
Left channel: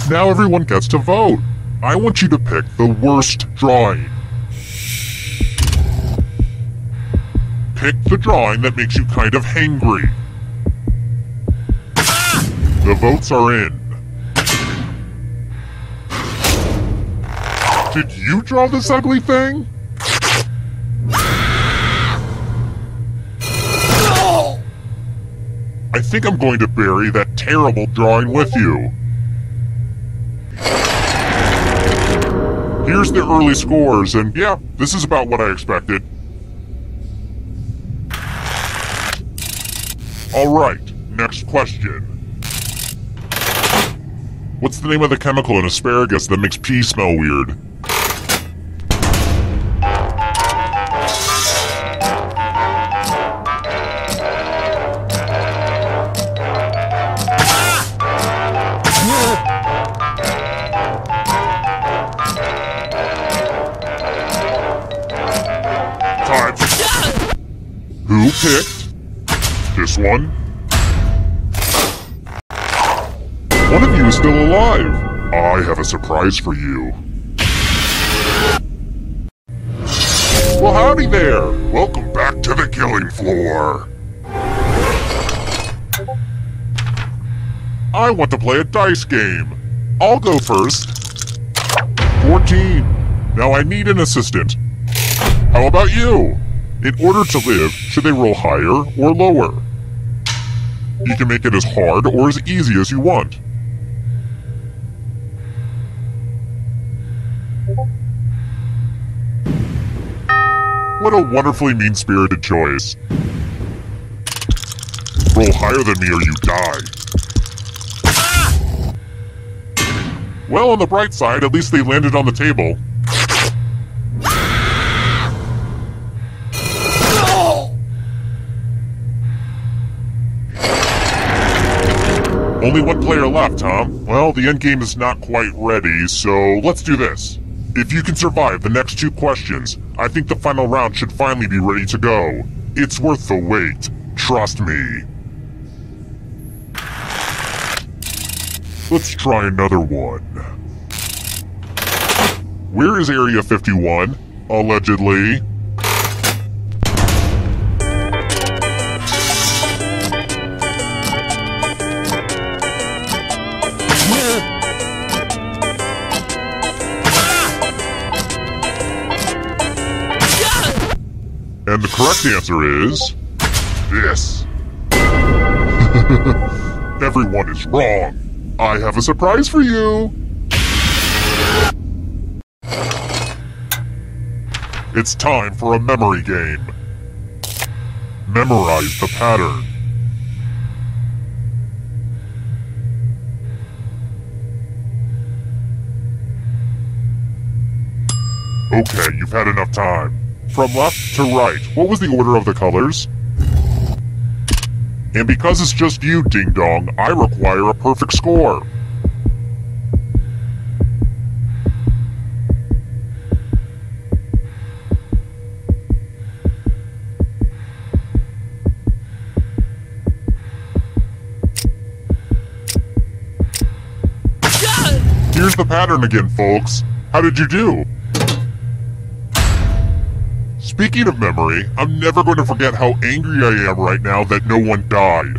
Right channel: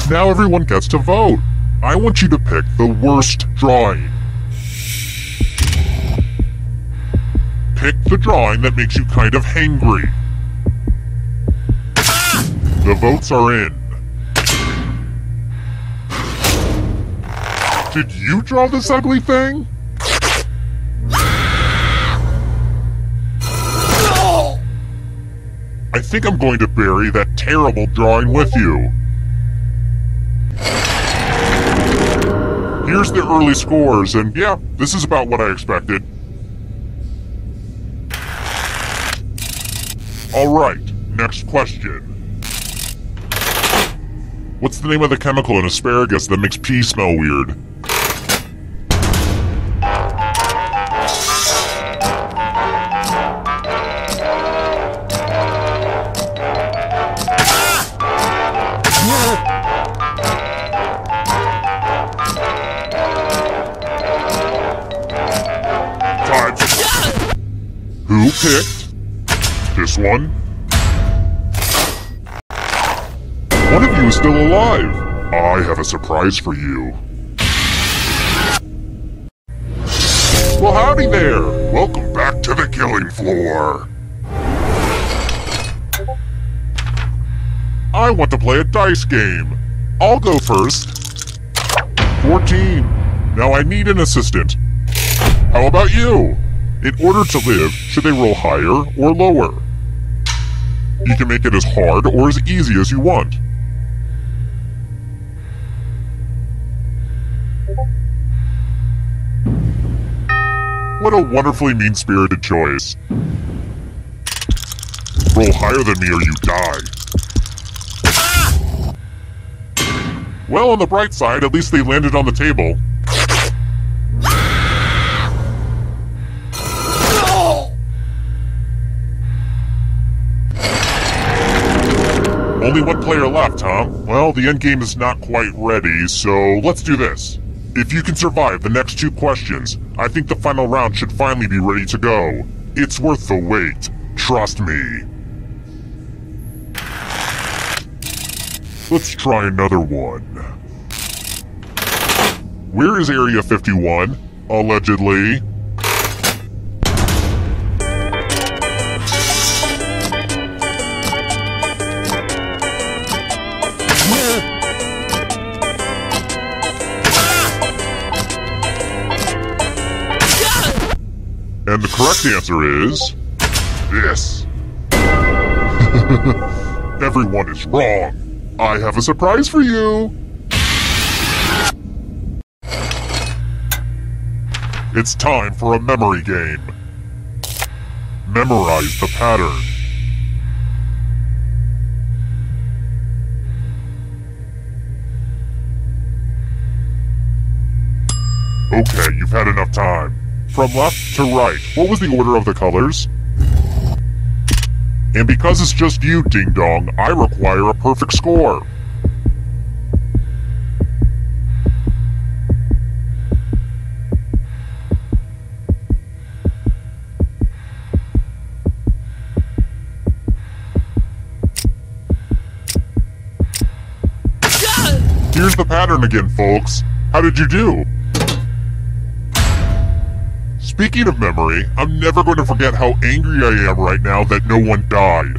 Now everyone gets to vote. I want you to pick the worst drawing. Pick the drawing that makes you kind of hangry. The votes are in. Did you draw this ugly thing? I think I'm going to bury that terrible drawing with you. Here's the early scores, and yeah, this is about what I expected. Alright, next question. What's the name of the chemical in asparagus that makes pee smell weird? Who picked this one? One of you is still alive. I have a surprise for you. Well, howdy there. Welcome back to the killing floor. I want to play a dice game. I'll go first. 14. Now I need an assistant. How about you? In order to live, should they roll higher or lower? You can make it as hard or as easy as you want. What a wonderfully mean-spirited choice. Roll higher than me or you die. Well, on the bright side, at least they landed on the table. Only one player left, huh? Well, the endgame is not quite ready, so let's do this. If you can survive the next 2 questions, I think the final round should finally be ready to go. It's worth the wait. Trust me. Let's try another one. Where is Area 51? Allegedly. And the correct answer is... this. Everyone is wrong. I have a surprise for you. It's time for a memory game. Memorize the pattern. Okay, you've had enough time. From left to right, what was the order of the colors? And because it's just you, Ding Dong, I require a perfect score. Here's the pattern again, folks. How did you do? Speaking of memory, I'm never going to forget how angry I am right now that no one died.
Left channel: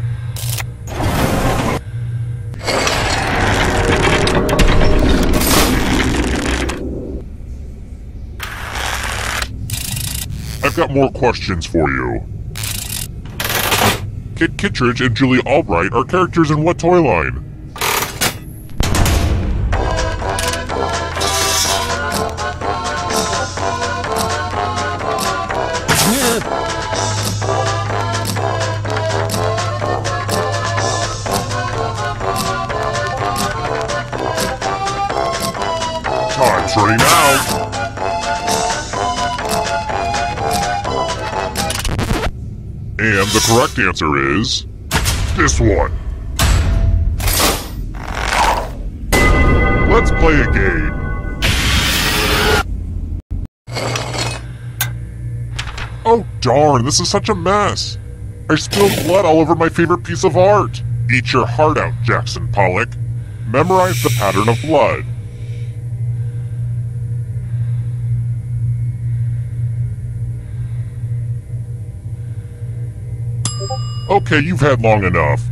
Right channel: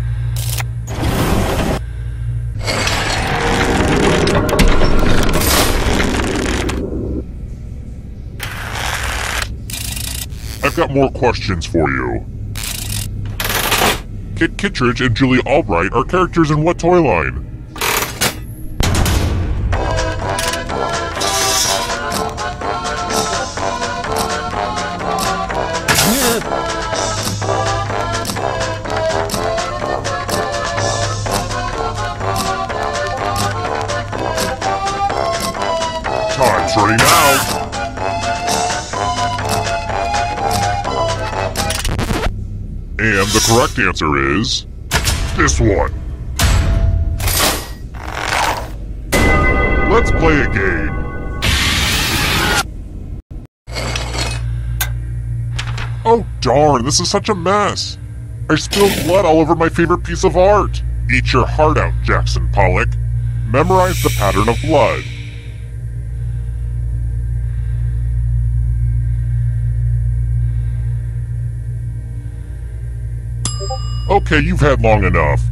I've got more questions for you. Kit Kittredge and Julie Albright are characters in what toy line? Time's running out. And the correct answer is... this one. Let's play a game. Oh darn, this is such a mess. I spilled blood all over my favorite piece of art. Eat your heart out, Jackson Pollock. Memorize the pattern of blood. Okay, you've had long enough.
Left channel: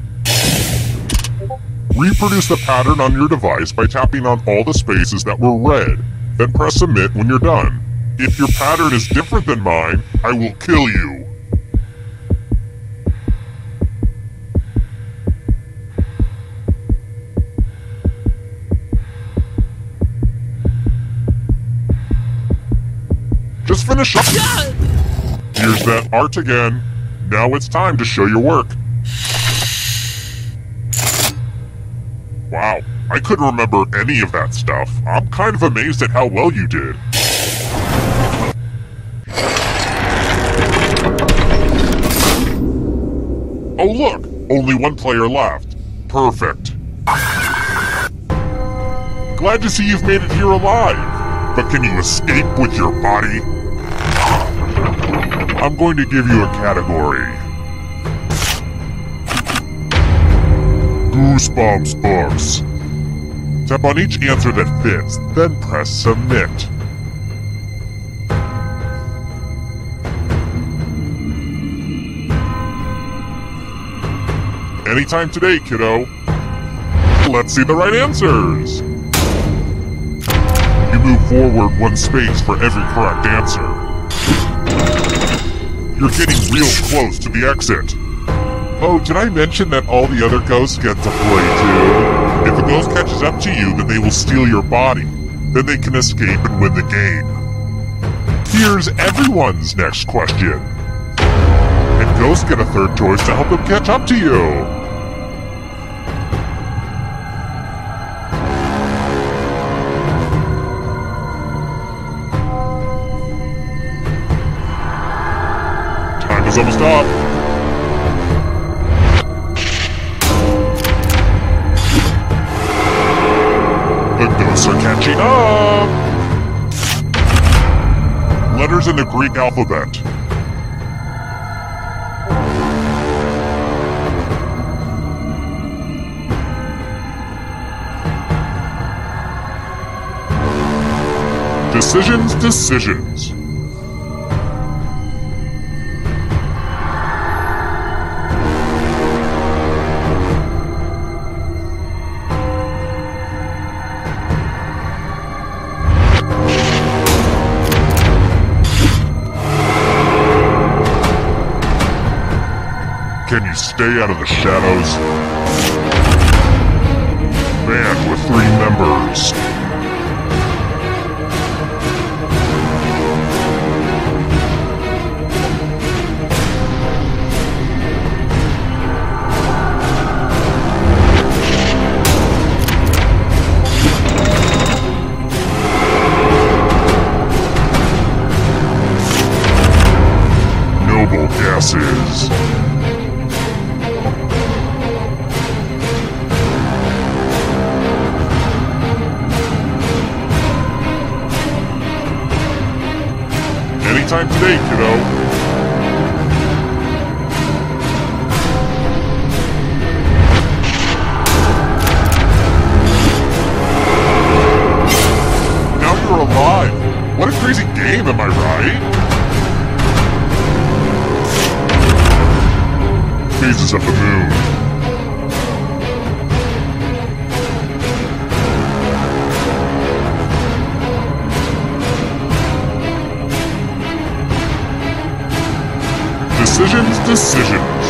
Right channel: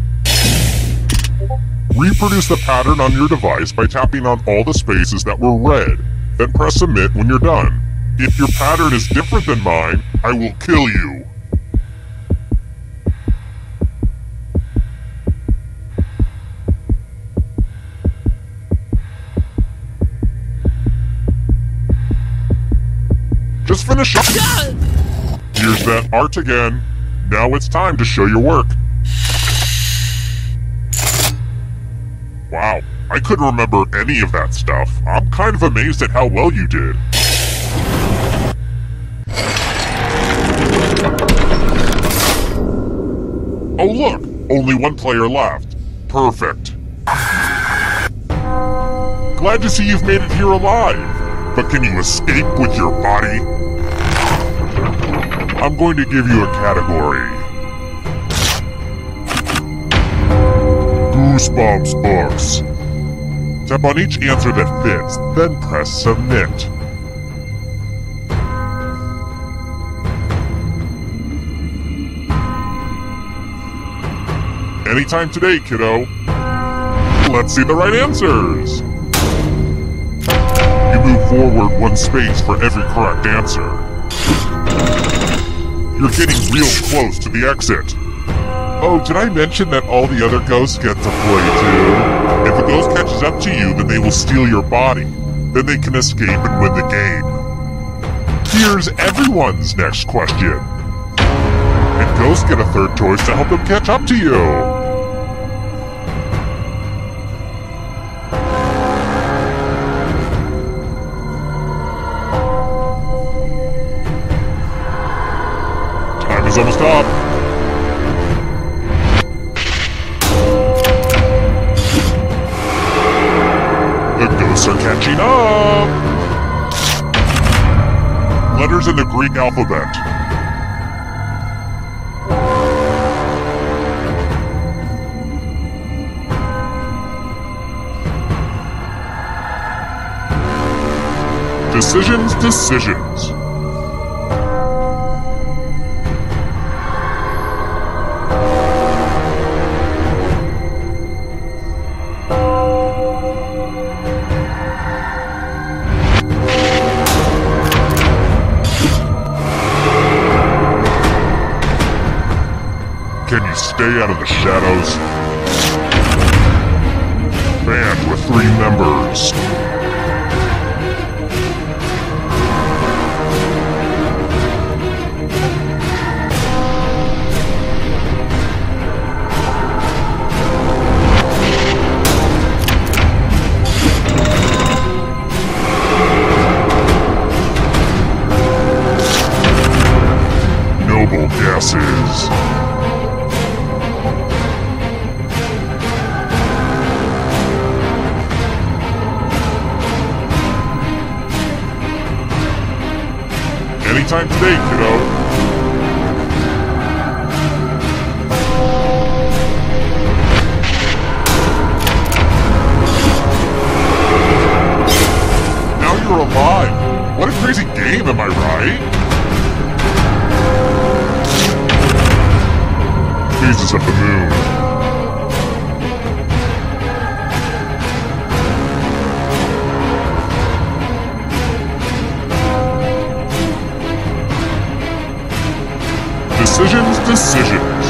Reproduce the pattern on your device by tapping on all the spaces that were red, then press submit when you're done. If your pattern is different than mine, I will kill you. Just finish up. Here's that art again. Now it's time to show your work. Wow, I couldn't remember any of that stuff. I'm kind of amazed at how well you did. Oh look, only one player left. Perfect. Glad to see you've made it here alive. But can you escape with your body? I'm going to give you a category. Goosebumps books. Tap on each answer that fits, then press submit. Anytime today, kiddo. Let's see the right answers. You move forward 1 space for every correct answer. You're getting real close to the exit. Oh, did I mention that all the other ghosts get to play too? If a ghost catches up to you, then they will steal your body. Then they can escape and win the game. Here's everyone's next question. And ghosts get a third choice to help them catch up to you. Time is almost up. The ghosts are catching up! Letters in the Greek alphabet. Decisions, decisions. Can you stay out of the shadows? Band with 3 members. Noble gases. Anytime today, kiddo. Now you're alive. What a crazy game, am I right? Phases of the moon. Decisions, decisions.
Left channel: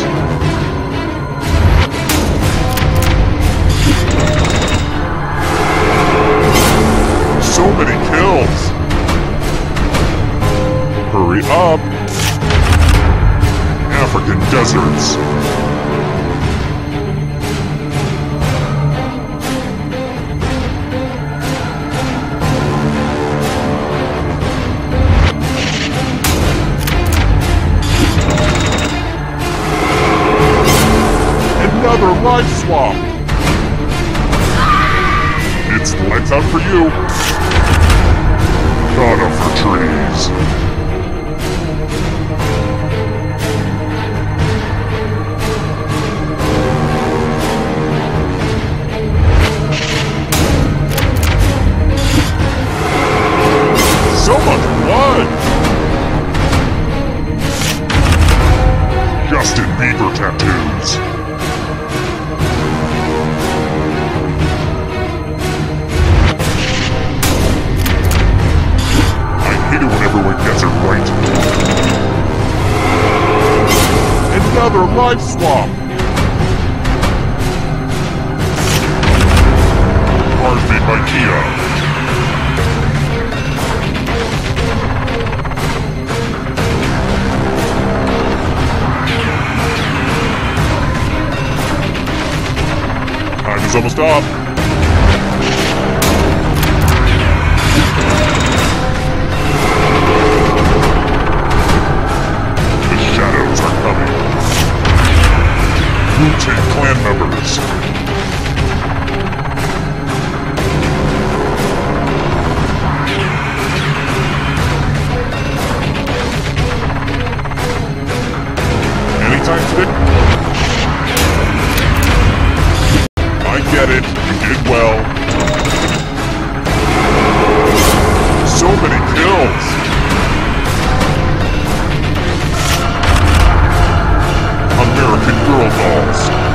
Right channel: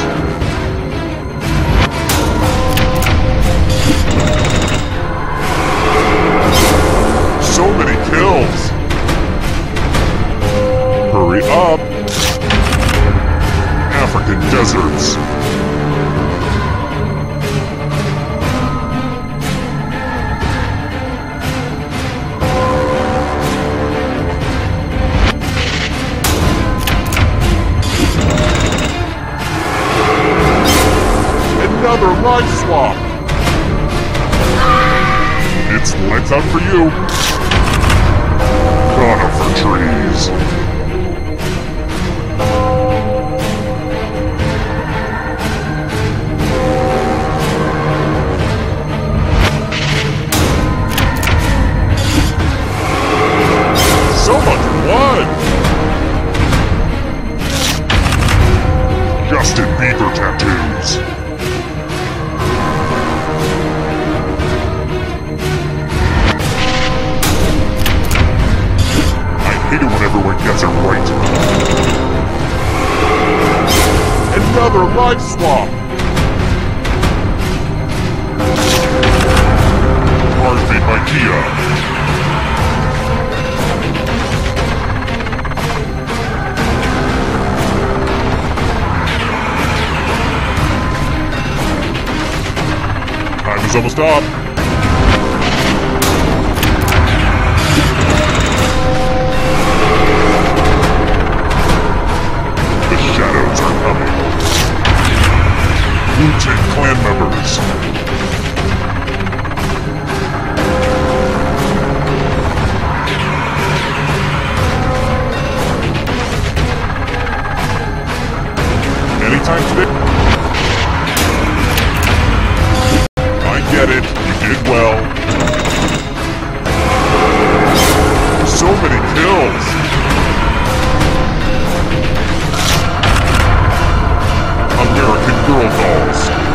So many kills. Hurry up. African deserts. Another life swap! It's lights out for you! Conifer trees! So much blood! Justin Bieber tattoos! I hate it when everyone gets it right. Another life swap! Cars made by Kia. is almost up. The shadows are coming. Wu-Tang Clan members. Anytime today. I get it. You did well. So many kills. American Girl dolls.